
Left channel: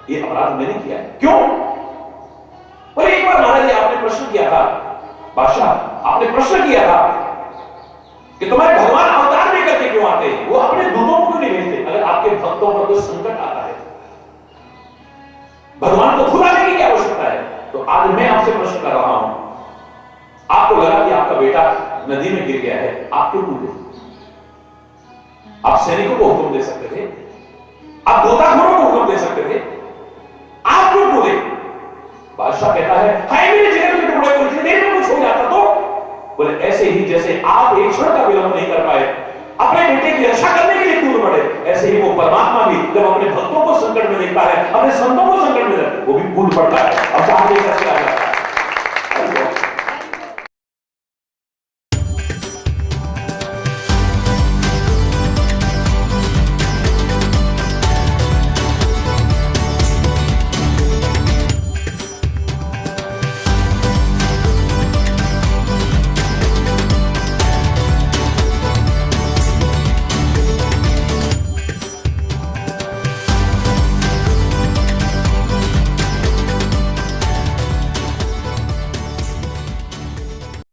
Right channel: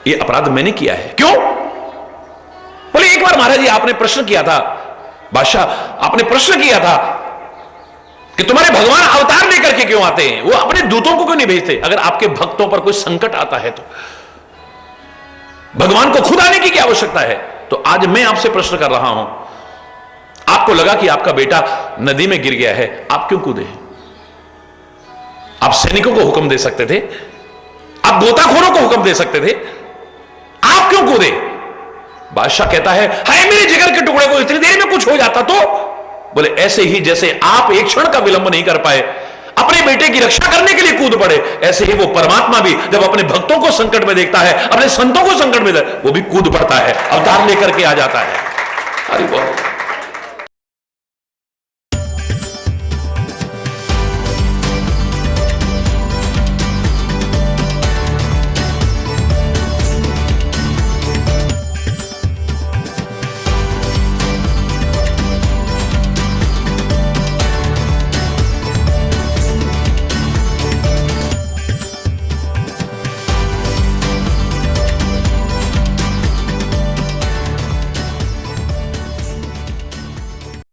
ये अपराध मैंने किया है। क्यों? बोले एक बार महाराज जी आपने प्रश्न किया था, बादशाह आपने प्रश्न किया था कि तुम्हारे भगवान अवतार लेकर के क्यों आते हैं, वो अपने दूतों को क्यों नहीं भेजते? अगर आपके भक्तों पर कोई संकट आता है तो भगवान को खुद आने की क्या आवश्यकता है? तो आज मैं आपसे प्रश्न कर रहा हूं, आपको लगा कि आपका बेटा नदी में गिर गया है, आप क्यों कूदे? आप सैनिकों को हुक्म दे सकते थे, आप गोताखोरों को हुक्म दे सकते थे, आप क्यों कूदे? बादशाह कहता है हाय मेरे जिगर के टुकड़े को, इतनी देर में कुछ हो जाता तो। बोले ऐसे ही जैसे आप एक क्षण का विलंब नहीं कर पाए, अपने बेटे की रक्षा करने के लिए कूद पड़े, ऐसे ही वो परमात्मा भी जब अपने भक्तों को संकट में देखता है, अपने संतों को संकट में वो भी कूद पड़ता है, अवतार लेकर के आ जाता है।